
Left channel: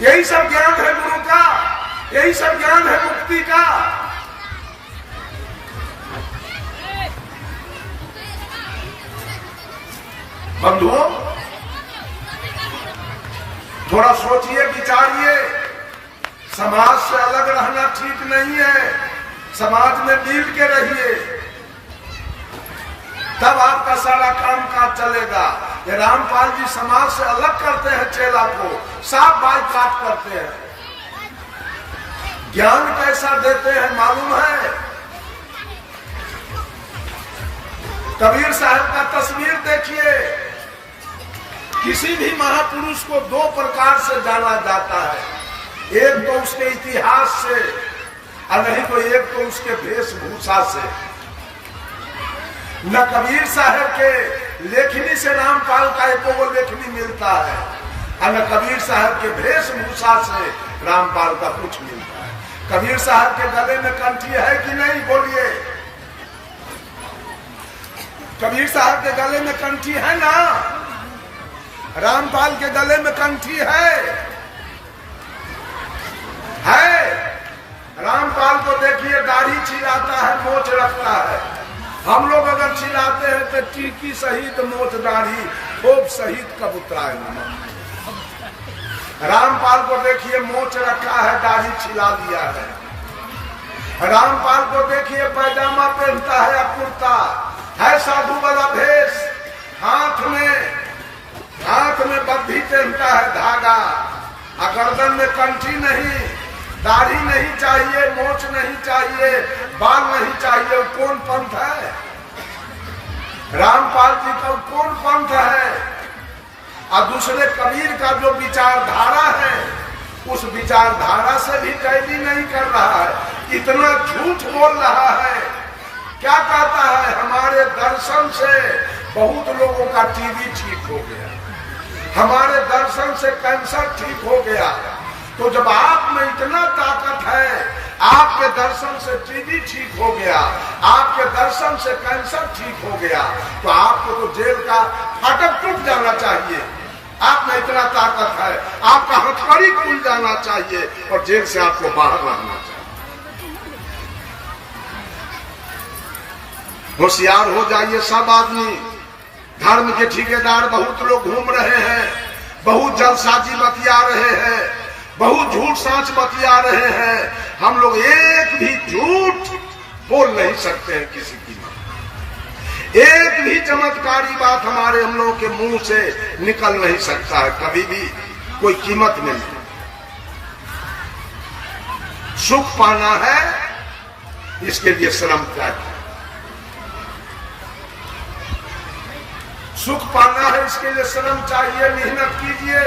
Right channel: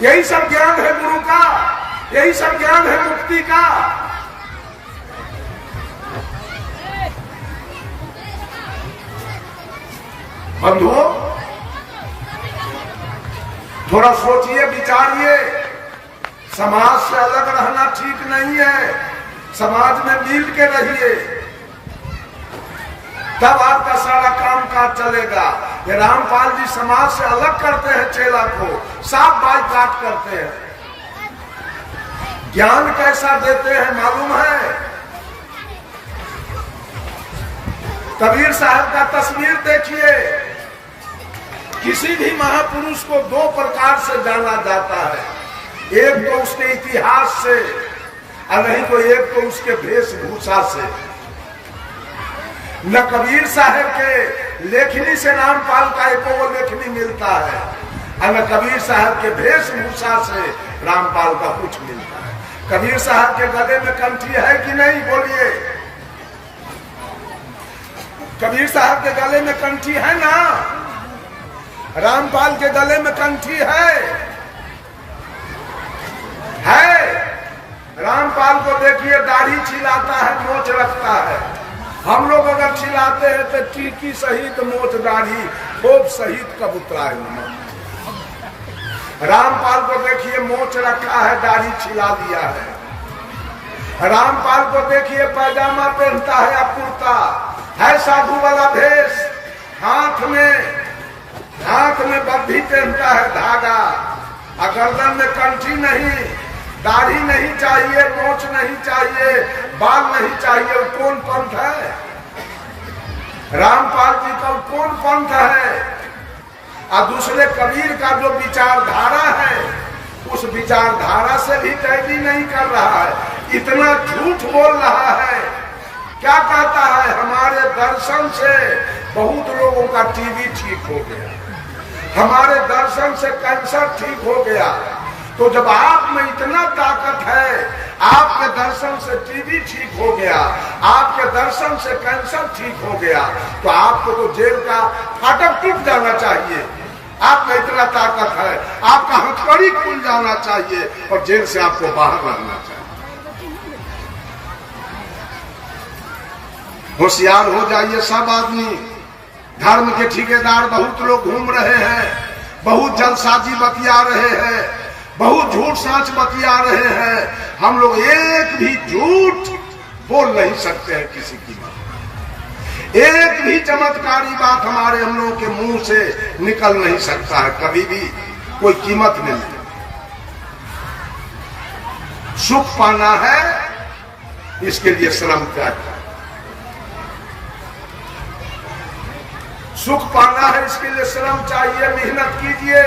यही सब ज्ञान है गुरु का, यही सब ज्ञान है मुक्ति का। बंधुओं थोड़ा सोचिए, विचारिए, समाज से अलग रहना ठीक नहीं है, समाज में मिल के रहिए, तब आपका सारा काम काज चलेगा। ये रामपाल जी समाज से अलग करते हैं, चेला को साफ बाइकाट करते हैं। ज्ञान कैसा देते हैं मालूम है? कबीर साहब का तस्वीर देखिए। किसी भी महापुरुष को दो प्रकार से जाना जाता है, एक तो उसके इतिहास से और नहीं तो एक तो उसके वेशभूषा से। न कबीर साहब के लेखनी से रामपाल का एको वो लेखनी मिलता है, और न कबीर साहब के वेशभूषा से रामपाल का कुछ मिलता है। कबीर साहब के गले में कंठी है कि नहीं बोलिए? कबीर साहब के गले में कंठी है ना? रामपाल के गले में कंठी है? रामपाल को देखिए दाढ़ी छिलाता है, मोछ रखता है। हम लोग अगर छिलाते हैं तो टीकी सहित मोछ दाढ़ी खूब सहित कबूतरा है। रामपाल को देखिए मोछ रखा है, दाढ़ी छिला दिया है। रामपाल को देखिए पैजामा पहनता है या कुर्ता है, साधु वाला भेष, हाथ में बद्धी पहनता है धागा, और गर्दन में कंठी नहीं, दाढ़ी नहीं चाहिए, मोछ नहीं चाहिए, बाल नहीं चाहिए। वो कौन पंथ है? रामपाल जी का कौन पंथ है? और दूसरे कबीर का जो विचारधारा है, उस विचारधारा से भी कैदी नहीं कर रहा है, इतना झूठ बोल रहा है। क्या कहता है? हमारे दर्शन से बहुत लोगों का टीबी ठीक हो गया, हमारे दर्शन से कैंसर ठीक हो गया, तो जब आप में इतना ताकत है, आपके दर्शन से टीबी ठीक हो गया, आपके दर्शन से कैंसर ठीक हो गया, तो आपको तो जेल का फाटक टूट जाना चाहिए। आप में इतना ताकत है, आपका हथकड़ी खुल जाना चाहिए और जेल से आपको बाहर रहना चाहिए। होशियार हो जाइए सब आदमी। धर्म के ठेकेदार बहुत लोग घूम रहे हैं, बहुत जलसाजी बतिया रहे हैं, बहुत झूठ सांच बतिया रहे हैं। हम लोग एक भी झूठ बोल नहीं सकते हैं किसी की। एक भी चमत्कारी बात हम लोगों के मुंह से निकल नहीं सकता है, कभी भी कोई कीमत नहीं है। सुख पाना है, इसके लिए श्रम चाहिए। सुख पाना है, इसके लिए श्रम चाहिए, मेहनत कीजिए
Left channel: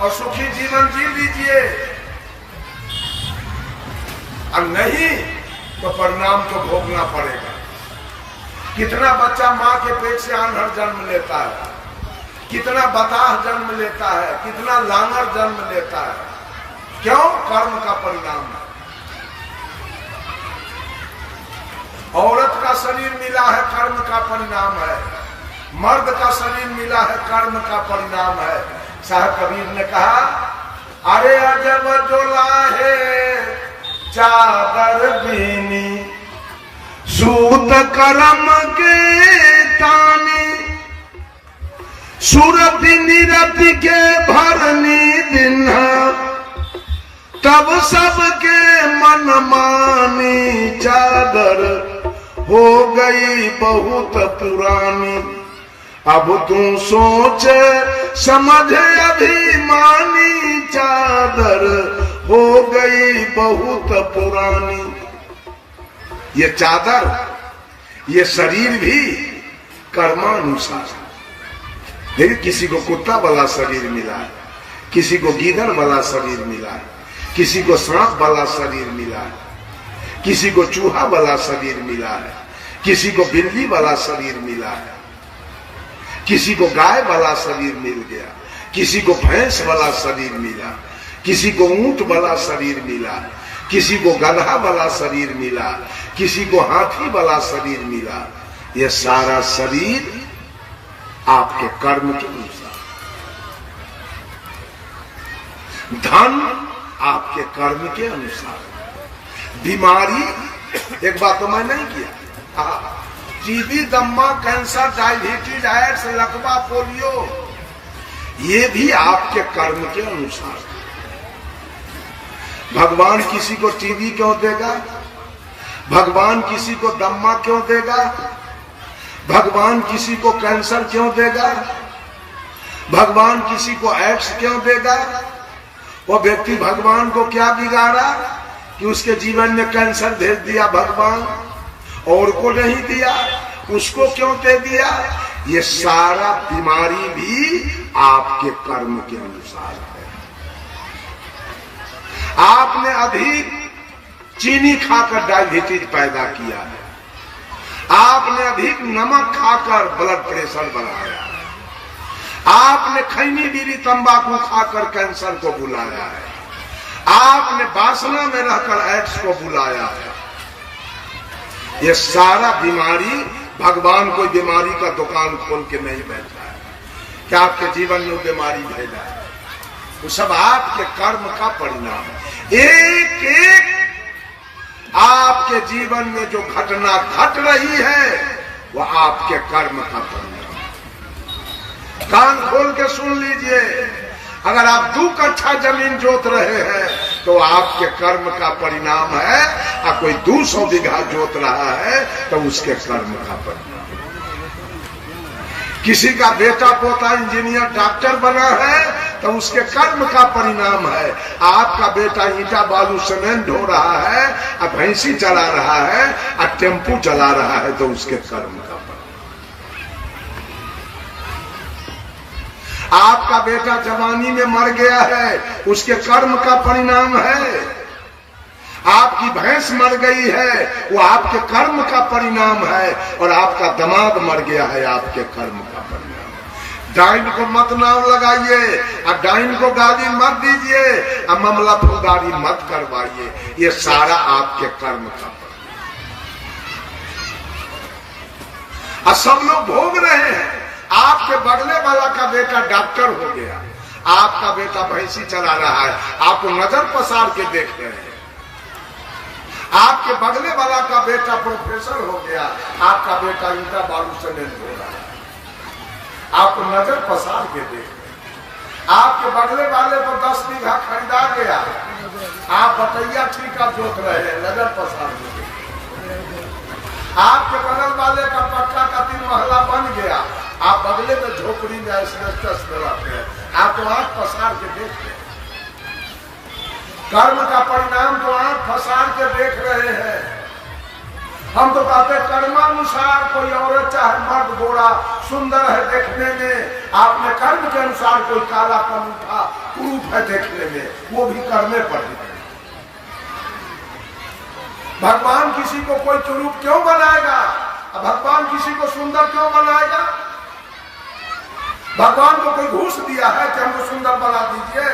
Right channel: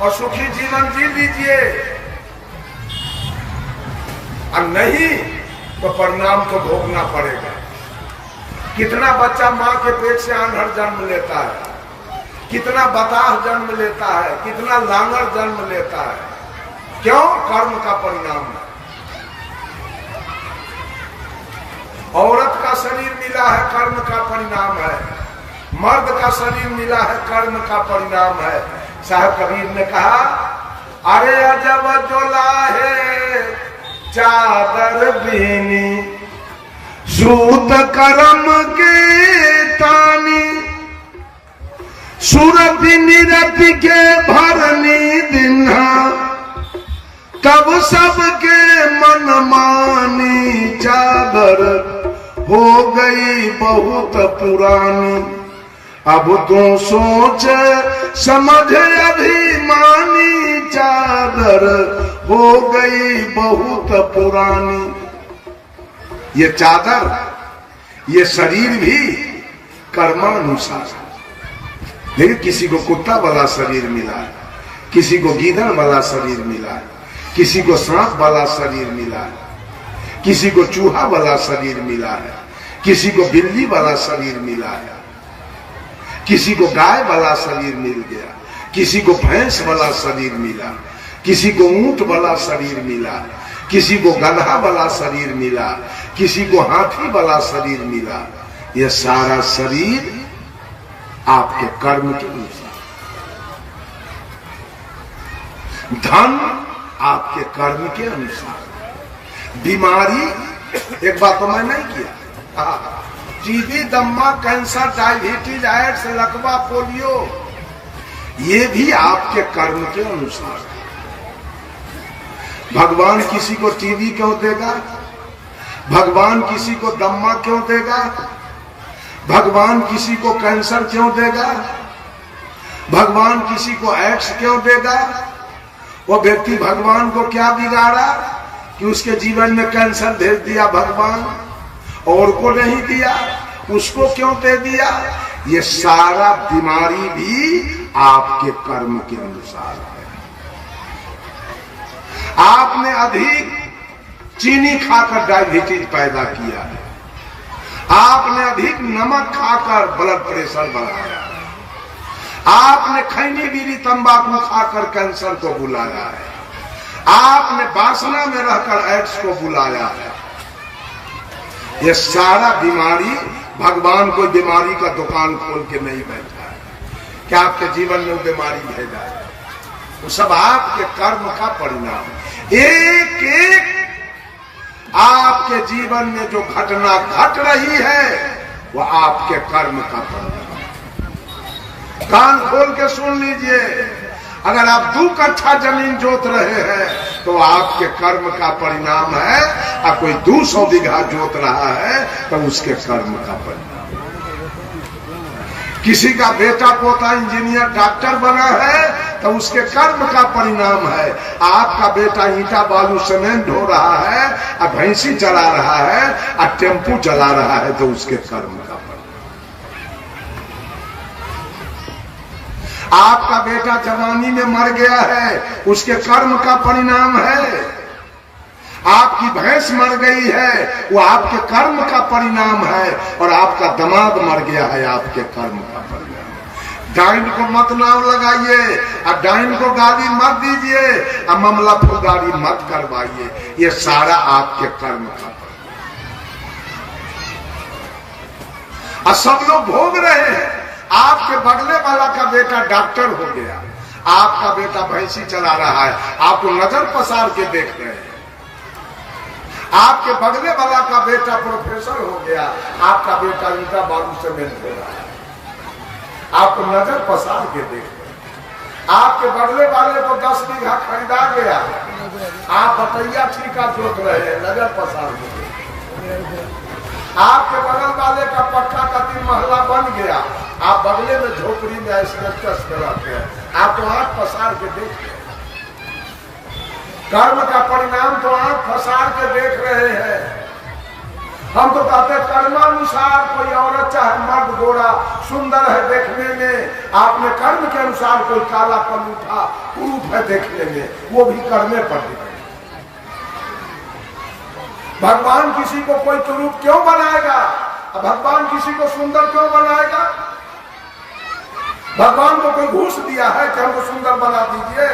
और सुखी जीवन जी लीजिए। और नहीं तो परिणाम तो भोगना पड़ेगा। कितना बच्चा मां के पेट से आंधर जन्म लेता है, कितना बताह जन्म लेता है, कितना लांगड़ जन्म लेता है। क्यों? कर्म का परिणाम है। औरत का शरीर मिला है, कर्म का परिणाम है। मर्द का शरीर मिला है, कर्म का परिणाम है। साहब कबीर ने कहा, अरे अजब जोला है चादर बीनी, सूत कर्म के तानी, सूरत निरति के भरनी दिन्हा, तब सबके मन मानी चादर हो गई बहुत पुरानी। अब तू सोच समझ अभिमानी, चादर हो गई बहुत पुरानी। ये चादर, ये शरीर भी कर्मानुसार है। लेकिन किसी को कुत्ता वाला शरीर मिला है, किसी को गीदड़ वाला शरीर मिला है, किसी को सांप वाला शरीर मिला है, किसी को चूहा वाला शरीर मिला है, किसी को बिल्ली वाला शरीर मिला है, किसी को गाय वाला शरीर मिल गया, किसी को भैंस वाला शरीर मिला, किसी को ऊंट वाला शरीर मिला, किसी को गधा वाला शरीर मिला, किसी को हाथी वाला शरीर मिला। ये सारा शरीर आपके कर्म के अनुसार। धन आपके कर्म के अनुसार। बीमारी, एक बात तो मैं नहीं किया, टीबी, दम्मा, कैंसर, डायबिटीज, एड्स, लकवा, पोलियो, ये भी आपके कर्म के अनुसार। भगवान किसी को टीबी क्यों देगा? भगवान किसी को दम्मा क्यों देगा? भगवान किसी को कैंसर क्यों देगा? भगवान किसी को एड्स क्यों देगा? वो व्यक्ति भगवान को क्या बिगाड़ा कि उसके जीवन में कैंसर भेज दिया भगवान, और को नहीं दिया, उसको क्यों दे दिया? ये सारा बीमारी भी आपके कर्म के अनुसार है। आपने अधिक चीनी खाकर डायबिटीज पैदा किया है, आपने अधिक नमक खाकर ब्लड प्रेशर बढ़ाया है, आपने खैनी बीड़ी तंबाकू खाकर कैंसर को बुलाया है, आपने वासना में रहकर एड्स को बुलाया है। ये सारा बीमारी, भगवान कोई बीमारी का दुकान खोल के नहीं बैठा है कि आपके जीवन में वो बीमारी भेजा है। वो सब आपके कर्म का परिणाम है। एक एक आपके जीवन में जो घटना घट रही है वो आपके कर्म का परिणाम है। कान खोल के सुन लीजिए, अगर आप 2 कट्ठा जमीन जोत रहे हैं तो आपके कर्म का परिणाम है, और कोई 200 बीघा जोत रहा है तो उसके कर्म का परिणाम। किसी का बेटा पोता इंजीनियर डॉक्टर बना है तो उसके कर्म का परिणाम है। आपका बेटा ईंटा बालू सीमेंट ढो रहा है और भैंसी चला रहा है और टेम्पू चला रहा है तो उसके कर्म का परिणाम। आपका बेटा जवानी में मर गया है, उसके कर्म का परिणाम है। आपकी भैंस मर गई है, वो आपके कर्म का परिणाम है। और आपका दामाद मर गया है, आपके कर्म का परिणाम। डाइन को मत नाम लगाइए और डाइन को गाली मत दीजिए और मामला फौजदारी मत करवाइए। ये सारा आपके कर्म का, और सब लोग भोग रहे हैं। आपके बगले वाला का बेटा डॉक्टर हो गया, आपका बेटा भैंसी चला रहा है, आपको नजर पसार के देख रहे हैं। आपके बगले वाला का बेटा प्रोफेसर हो गया, आपका बेटा ईंटा बालू सीमेंट हो रहा है, आपको नजर पसार के देख रहे हैं। आपके बगले वाले को 10 बीघा खरीदा गया, आप बकैया ठीका जोत रहे हैं, नजर पसार के देख रहे हैं। आपके बगल वाले का पक्का का 3 महला बन गया, आप बगले में झोपड़ी में एस्बेस्टस में रहते हैं, आप तो आंख पसार के देख रहे हैं। कर्म का परिणाम तो आंख पसार के देख रहे हैं। हम तो कहते कर्मानुसार कोई औरत चाहे मर्द गोरा सुंदर है देखने में, आपने कर्म के अनुसार कोई काला कलूठा कुरूप है देखने में, वो भी करने पर दिखे। भगवान किसी को कोई कुरूप क्यों बनाएगा? भगवान किसी को सुंदर क्यों बनाएगा? भगवान को कोई घूस दिया है कि हमको सुंदर बना दीजिए?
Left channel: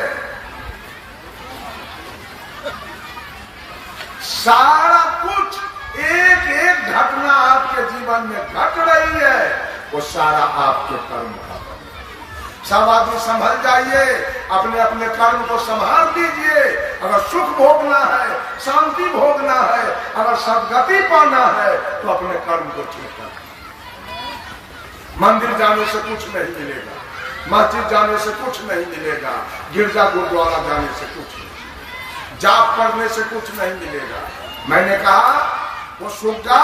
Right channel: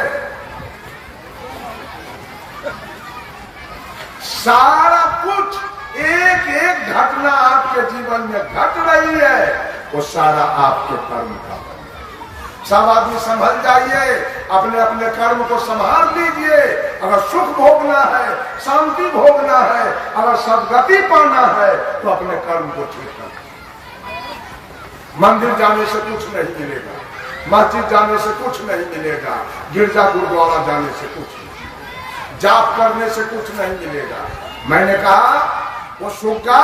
सारा कुछ एक एक घटना आपके जीवन में घट रही है, वो सारा आपके कर्म का। सब आदमी संभल जाइए, अपने अपने कर्म को संभाल दीजिए। अगर सुख भोगना है, शांति भोगना है, अगर सदगति पाना है, तो अपने कर्म को ठीक कर। मंदिर जाने से कुछ नहीं मिलेगा, मस्जिद जाने से कुछ नहीं मिलेगा, गिरजा गुरुद्वारा जाने से कुछ नहीं, जाप करने से कुछ नहीं मिलेगा। मैंने कहा वो सुग्गा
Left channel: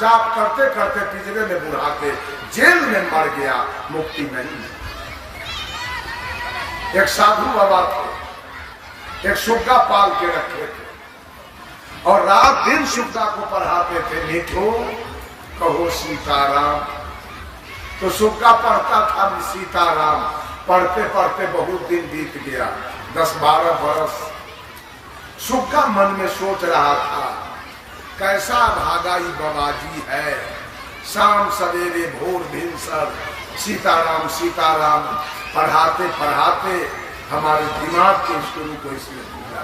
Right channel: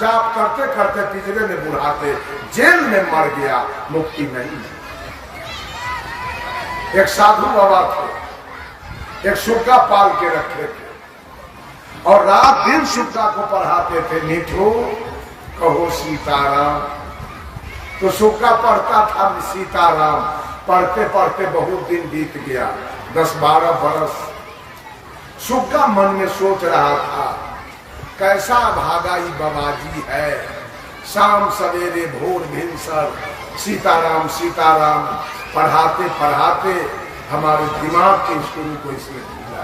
जाप करते करते पिंजरे में बुढ़ाते जेल में मर गया, मुक्ति नहीं है। एक साधु बाबा थे, एक सुग्गा पाल के रखे थे और रात दिन सुग्गा को पढ़ाते थे, मीठो कहो सीताराम। तो सुग्गा पढ़ता था सीताराम, पढ़ते पढ़ते बहुत दिन बीत गया, 10-12 बरस। सुग्गा मन में सोच रहा था, कैसा भागाई बाबाजी है, शाम सवेरे भोर भिनसर सीताराम सीताराम पढ़ाते पढ़ाते हमारे दिमाग के स्कूल को इसने भूला।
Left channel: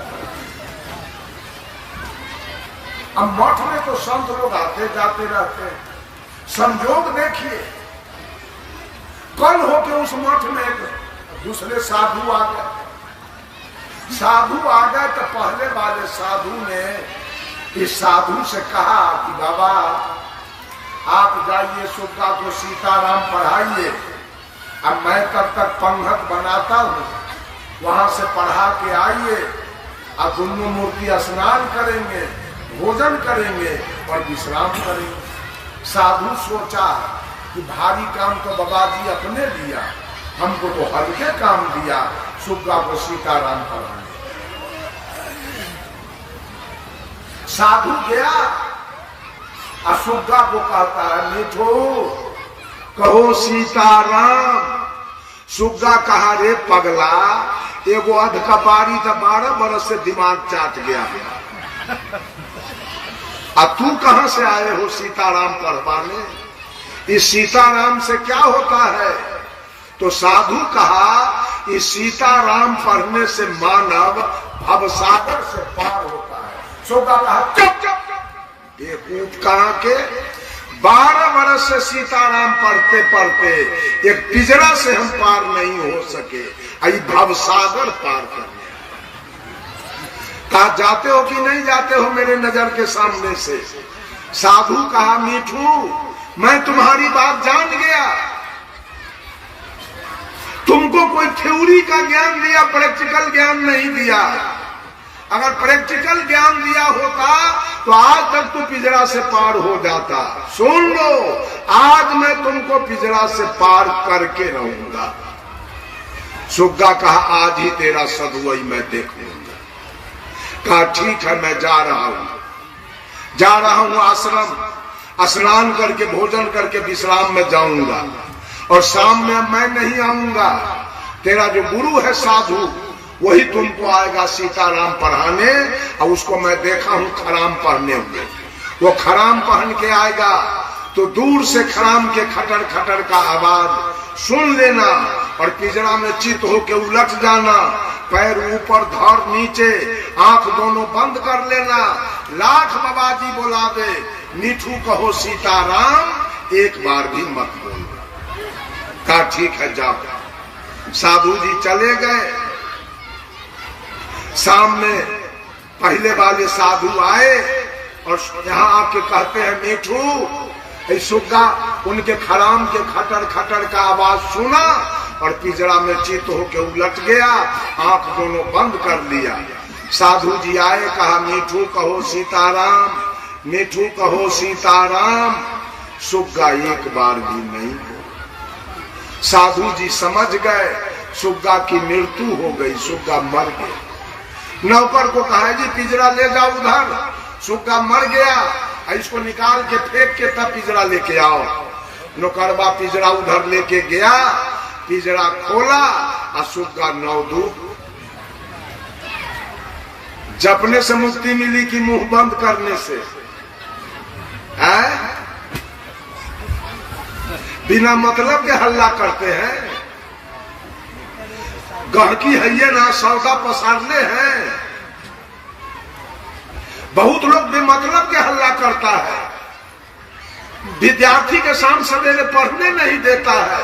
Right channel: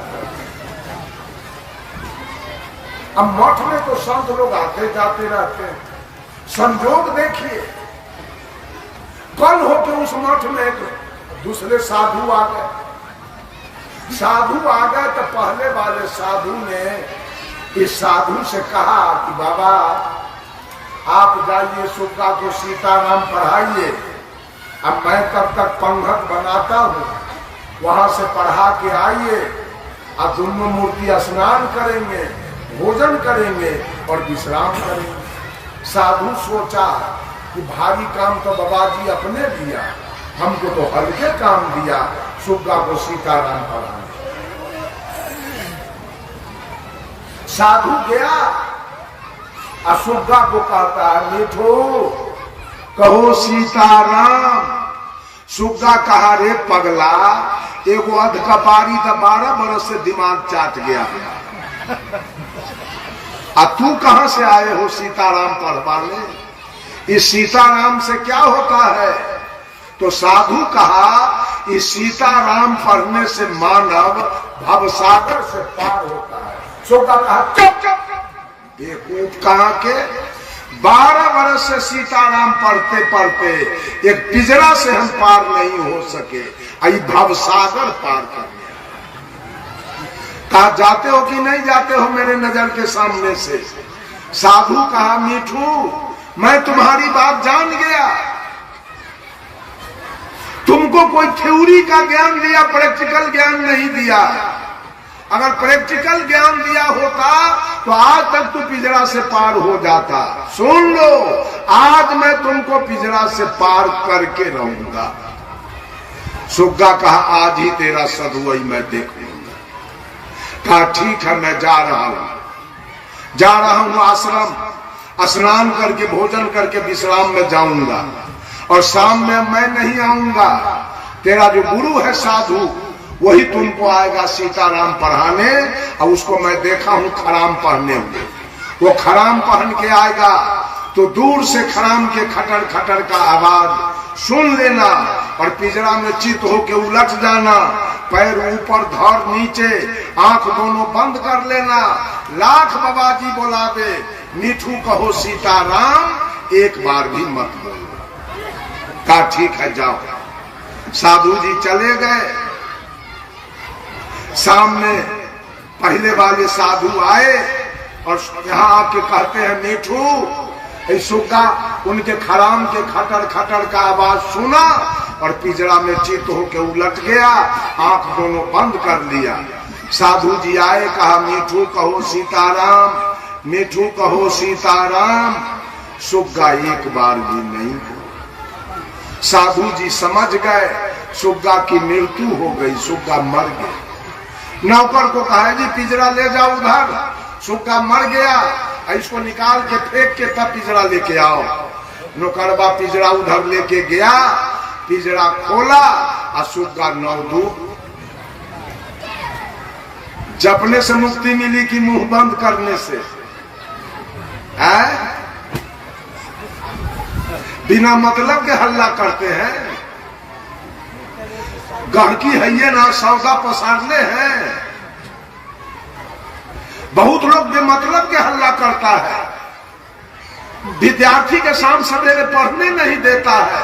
अब मठ में तो संत लोग आते जाते रहते हैं, संयोग देखिए कल हो के उस मठ में एक दूसरे साधु आ गए। साधु आ गए तो पहले वाले साधु ने इस साधु से कहा कि बाबा आप जाइए सुग्गा को सीताराम पढ़ाइए, अब मैं तब तक पंगत बनाता हूँ, वहां से पढ़ा के आइए, अब दोनों मूर्ति स्नान करेंगे, भोजन करेंगे और विश्राम करेंगे। साधु सोचा कि भारी काम तो बाबा जी अपने दिया, हमको तो हल्के काम दिया, सुग्गा को सीताराम पढ़ाए। साधु गया और सुग्गा को कहता है, मीठो कहो सीताराम। सुग्गा कहा, रे पगला, एगो अधकपारी तो 12 बरस से दिमाग चाट गया, अब तू कहां से आए हो सीताराम पढ़वाने? इस सीताराम से क्या होता है? तो साधु कहा, इस सीताराम पढ़ने से मानव भवसागर से पार होता है। सुग्गा कहा, चुप चुप, बेवकूफ कहां के, 12 बरस से सीताराम पढ़ते पढ़ते एक पिंजरा से हम पार नहीं हो सके, आई भवसागर पार करने। कहा, जाते हो कि नहीं जाते हो मेरे नजर के सामने से? साधु कहा, मीठू मैं तुम्हारी बात जान गया, तुमको कोई थ्योरी का ज्ञान दिया, प्रैक्टिकल ज्ञान नहीं दिया। अगर प्रैक्टिकल ज्ञान दिया होता तो आज तक तू पिंजरा से पार हो जाता। सुन लो, आज मैं तुमको पिंजरा से पार करके रहूंगा। सुग्गा कहा, आज ही तेरा सदुवई मैं देख लूंगा। कहा, ठीक है, मैं जा रहा हूं आश्रम, स्नान करके भोजन करके विश्राम में जाऊंगा और शाम में मैं नहीं आऊंगा। तेरा जो गुरु है साधु, वही तुमको आएगा सीताराम पढ़ाने, और उसको मैं देखा हूं खराम पहने हुए। वो खराम पहन के आएगा तो दूर से खराम के खटर खटर का आवाज सुन लेना और पिंजरा में चित होके उलट जाना, पैर ऊपर धर नीचे, आंख दोनों बंद कर लेना। लाख बाबाजी बुलावे, मीठू कहो सीताराम, एक बार भी मत बोलना। कहा ठीक है जाओ। साधु जी चले गए। शाम में पहले वाले साधु आए और यहाँ आके कहते हैं मीठू, सुग्गा उनके खराम के खटर खटर का आवाज सुना और पिंजरा में चित होके उलट गया, आंख दोनों बंद कर लिया। साधु जी आए, कहा मीठू कहो सीताराम, मीठू कहो सीताराम। सुग्गा एक बार भी नहीं हो। साधु जी समझ गए सुग्गा की मृत्यु हो गई, सुग्गा मर गया। नौकर को कहा जी पिंजरा ले जाओ उधर, सुग्गा मर गया, इसको निकाल के फेंक के तब पिंजरा लेके आओ। नौकरबा पिंजरा उधर लेके गया, पिंजरा खोला और सुग्गा नवदूत। जपने से मुक्ति मिली कि मुंह बंद करने से? है बिना मतलब के हल्ला करते हैं। गहकी है ये ना, सौदा पसारने हैं। बहुत लोग बेमतलब के हल्ला करता है। विद्यार्थी के शाम सवेरे पढ़ने नहीं देता है,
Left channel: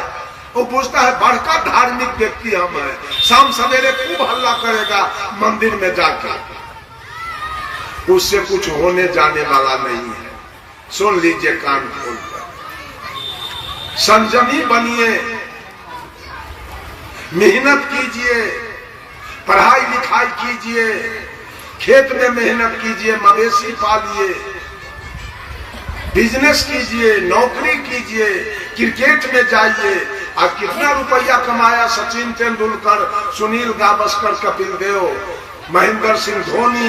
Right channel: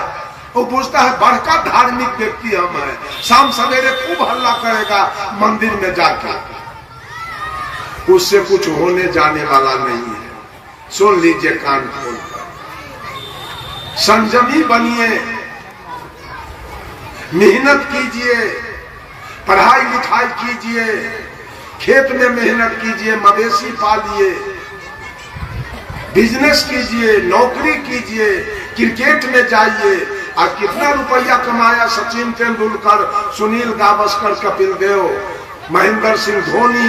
वो पूछता है बड़का धार्मिक व्यक्ति हम है, शाम सवेरे खूब हल्ला करेगा मंदिर में जाके। उससे कुछ होने जाने वाला नहीं है। सुन लीजिए कान खोलकर, संयमी बनिए, मेहनत कीजिए, पढ़ाई लिखाई कीजिए, खेत में मेहनत कीजिए, मवेशी पालिए, बिजनेस कीजिए, नौकरी कीजिए, क्रिकेट में जाइए। और कितना रुपया कमाया सचिन तेंदुलकर, सुनील गावस्कर, कपिल देव, महेंद्र सिंह धोनी,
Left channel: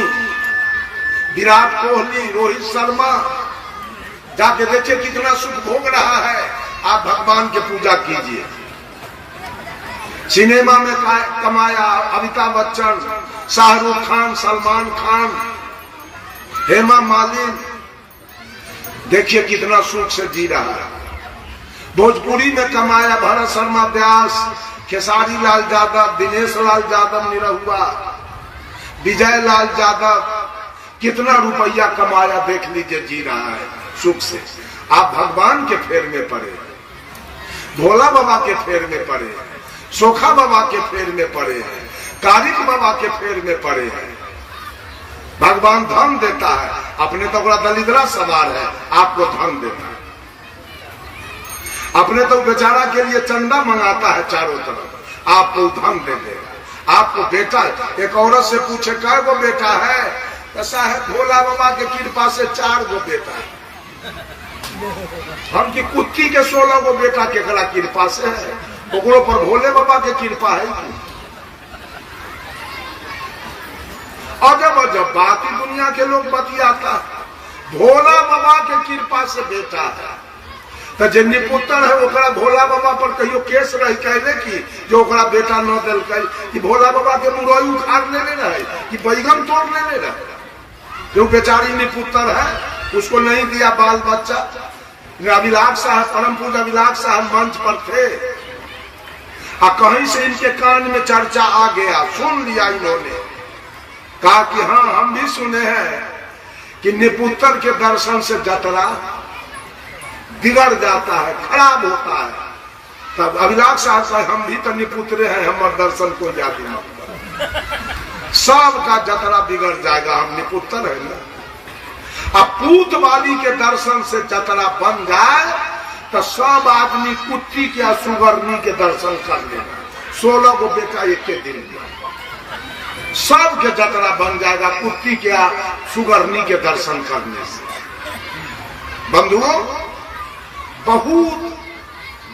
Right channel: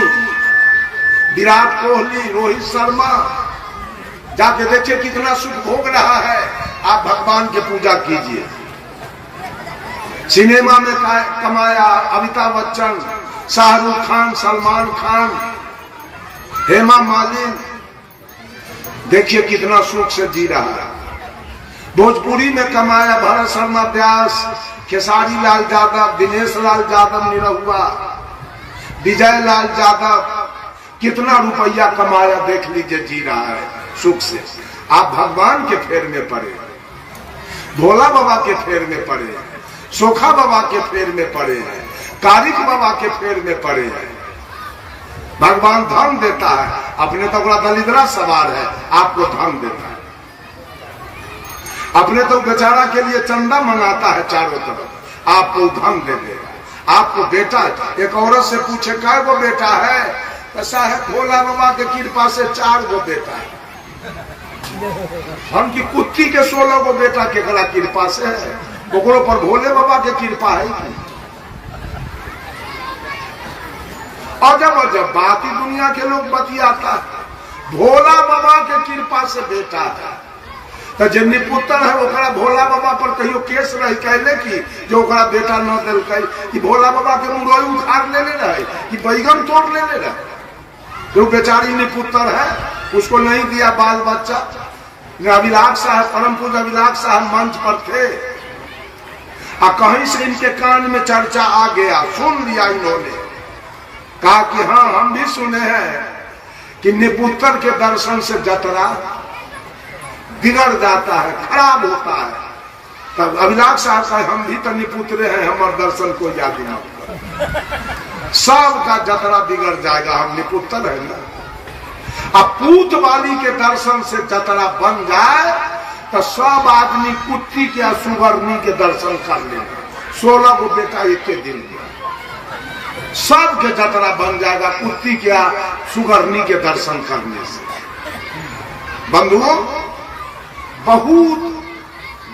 विराट कोहली, रोहित शर्मा। जाके देखिए कितना सुख भोग रहा है। आप भगवान की पूजा कीजिए। सिनेमा में कमाया अमिताभ बच्चन, शाहरुख खान, सलमान खान, हेमा मालिनी, देखिए कितना सुख से जी रहा है। भोजपुरी में कमाया भरत शर्मा व्यास, खेसारी लाल यादव, दिनेश लाल यादव निरहुआ, विजय लाल यादव, कितना रुपया कमाया देख लीजिए, जी रहा है सुख से। आप भगवान के फेर में पड़े, भोला बाबा के फेर में पड़े हैं, सोखा बाबा के फेर में पड़े हैं, कारिक बाबा के फेर में पड़े हैं। भगवान धन देता है, अपने तो बड़ा दलिद्रा सवार है, आपको धन देता है। अपने तो बेचारा के लिए चंदा मंगाता है चारों तरफ, आपको धन दे देगा। आपको बेटा, एक औरत से पूछे कै गो बेटा है, ऐसा है भोला बाबा के कृपा से 4 गो बेटा है। हम की कुत्ती के 16 गो बेटा के कला कृपा से है, ओकरो पर भोले बाबा के कृपा है। और जब बाकी दुनिया के लोग बतियाता है, भोला बाबा के कृपा से बेटा है, तो जे निपुत्र है ओकरा भोला बाबा पर कहियो केस रही कहले की जो ओकरा बेटा न दिल कि भोला बाबा के मुरई उखाड़ लेने रहे कि बैगन तोड़ लेने रहे। जो बेचारी निपुत्र है, उसको नहीं दिया बाल बच्चा। अभिलाष साहब, परम पूज्य अभिलाष साहब मंच पर थे, और कहीं से इनके कान में चर्चा आ गया, सुन लिया इन्होंने, कहा कि हाँ हम भी सुने हैं कि निपुत्र के दर्शन से जतरा बिगड़ जाता है, खराब होता है। तब अभिलाष साहब साहब हम भी तो निपुत्र हैं, हमारे दर्शन को याद मत कर, सबका जतरा बिगड़ जाएगा, हम निपुत्र है ना। अब पूत वाली के दर्शन से जतरा बन जाए तो सब आदमी कुट्टी के सुगरनी के दर्शन कर लेगा। 16 गो बेटा एक के दिन में सबके जतरा बन जाएगा कुट्टी के सुगरनी के दर्शन करने से। बंधुओं, बहुत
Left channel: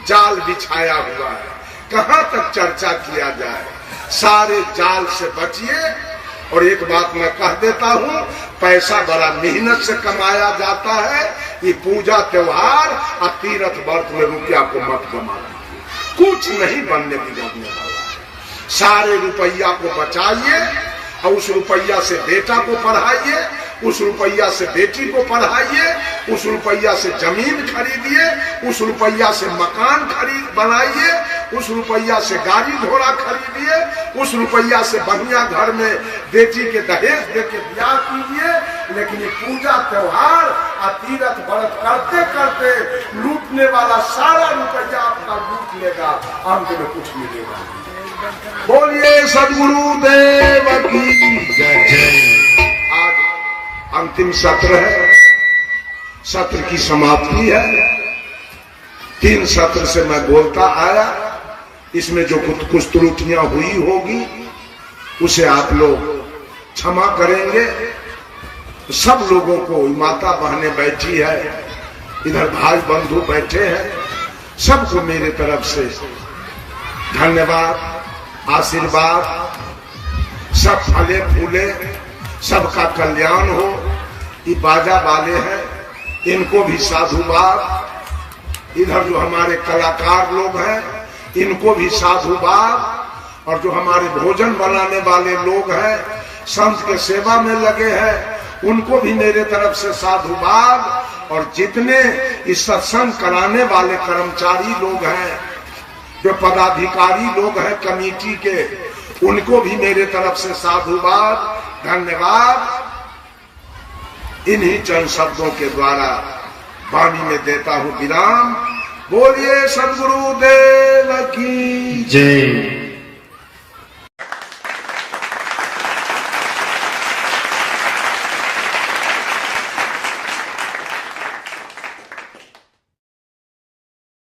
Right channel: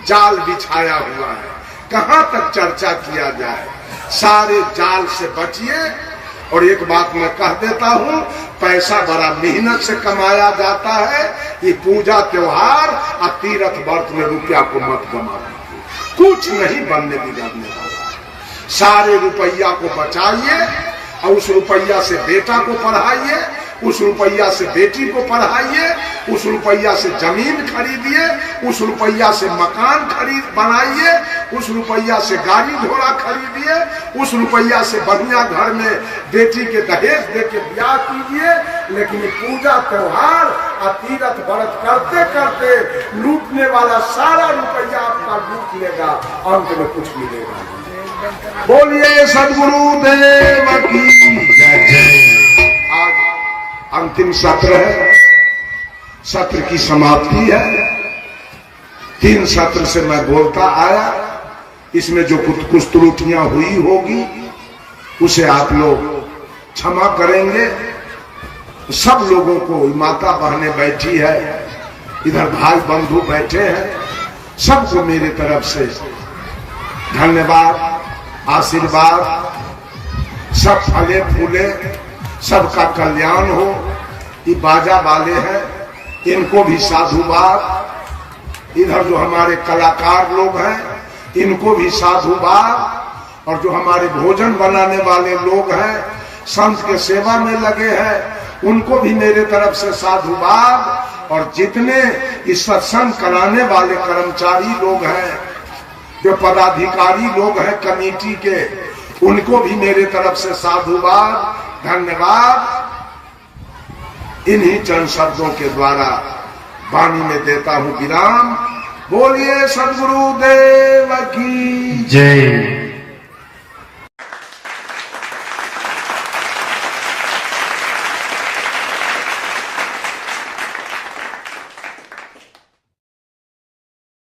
जाल बिछाया हुआ है, कहां तक चर्चा किया जाए। सारे जाल से बचिए। और एक बात मैं कह देता हूं, पैसा बड़ा मेहनत से कमाया जाता है। ये पूजा त्योहार और तीर्थ व्रत में रुपया को मत कमाओ, कुछ नहीं बनने बिगड़ने वाला। सारे रुपया को बचाइए और उस रुपया से बेटा को पढ़ाइए, उस रुपया से बेटी को पढ़ाइए, उस रुपया से जमीन खरीदिए, उस रुपया से मकान बनाइए, उस रुपया से गाड़ी घोड़ा खरीदिए, उस रुपया से बढ़िया घर में बेटी के दहेज देके ब्याह कीजिए। लेकिन ये पूजा त्योहार और तीरथ व्रत करते करते लूटने वाला सारा रुपया आपका लूट लेगा, अंत में कुछ मिलेगा। बोलिए सद्गुरु देव की जय। आज अंतिम सत्र है, सत्र की समाप्ति है। 3 सत्र से मैं बोलता आया, इसमें जो कुछ त्रुटियां हुई होगी उसे आप लोग क्षमा करेंगे। सब लोगों को, माता बहनें बैठी है, इधर भाई बंधु बैठे हैं, सबको मेरे तरफ से धन्यवाद, आशीर्वाद। सब फले फूले, सबका कल्याण हो। ये बाजा वाले हैं, इनको भी साधुवाद। इधर जो हमारे कलाकार लोग हैं, इनको भी साधुवाद। और जो हमारे भोजन बनाने वाले लोग हैं, संत के सेवा में लगे हैं, उनको भी मेरे तरफ से साधुवाद। और जितने इस सत्संग कराने वाले कर्मचारी लोग हैं, जो पदाधिकारी लोग हैं कमेटी के, उनको भी मेरे तरफ से साधुवाद, धन्यवाद। इन्हीं चंद शब्दों के द्वारा वाणी में देता हूं विराम। बोलिए सद्गुरु देव की जय।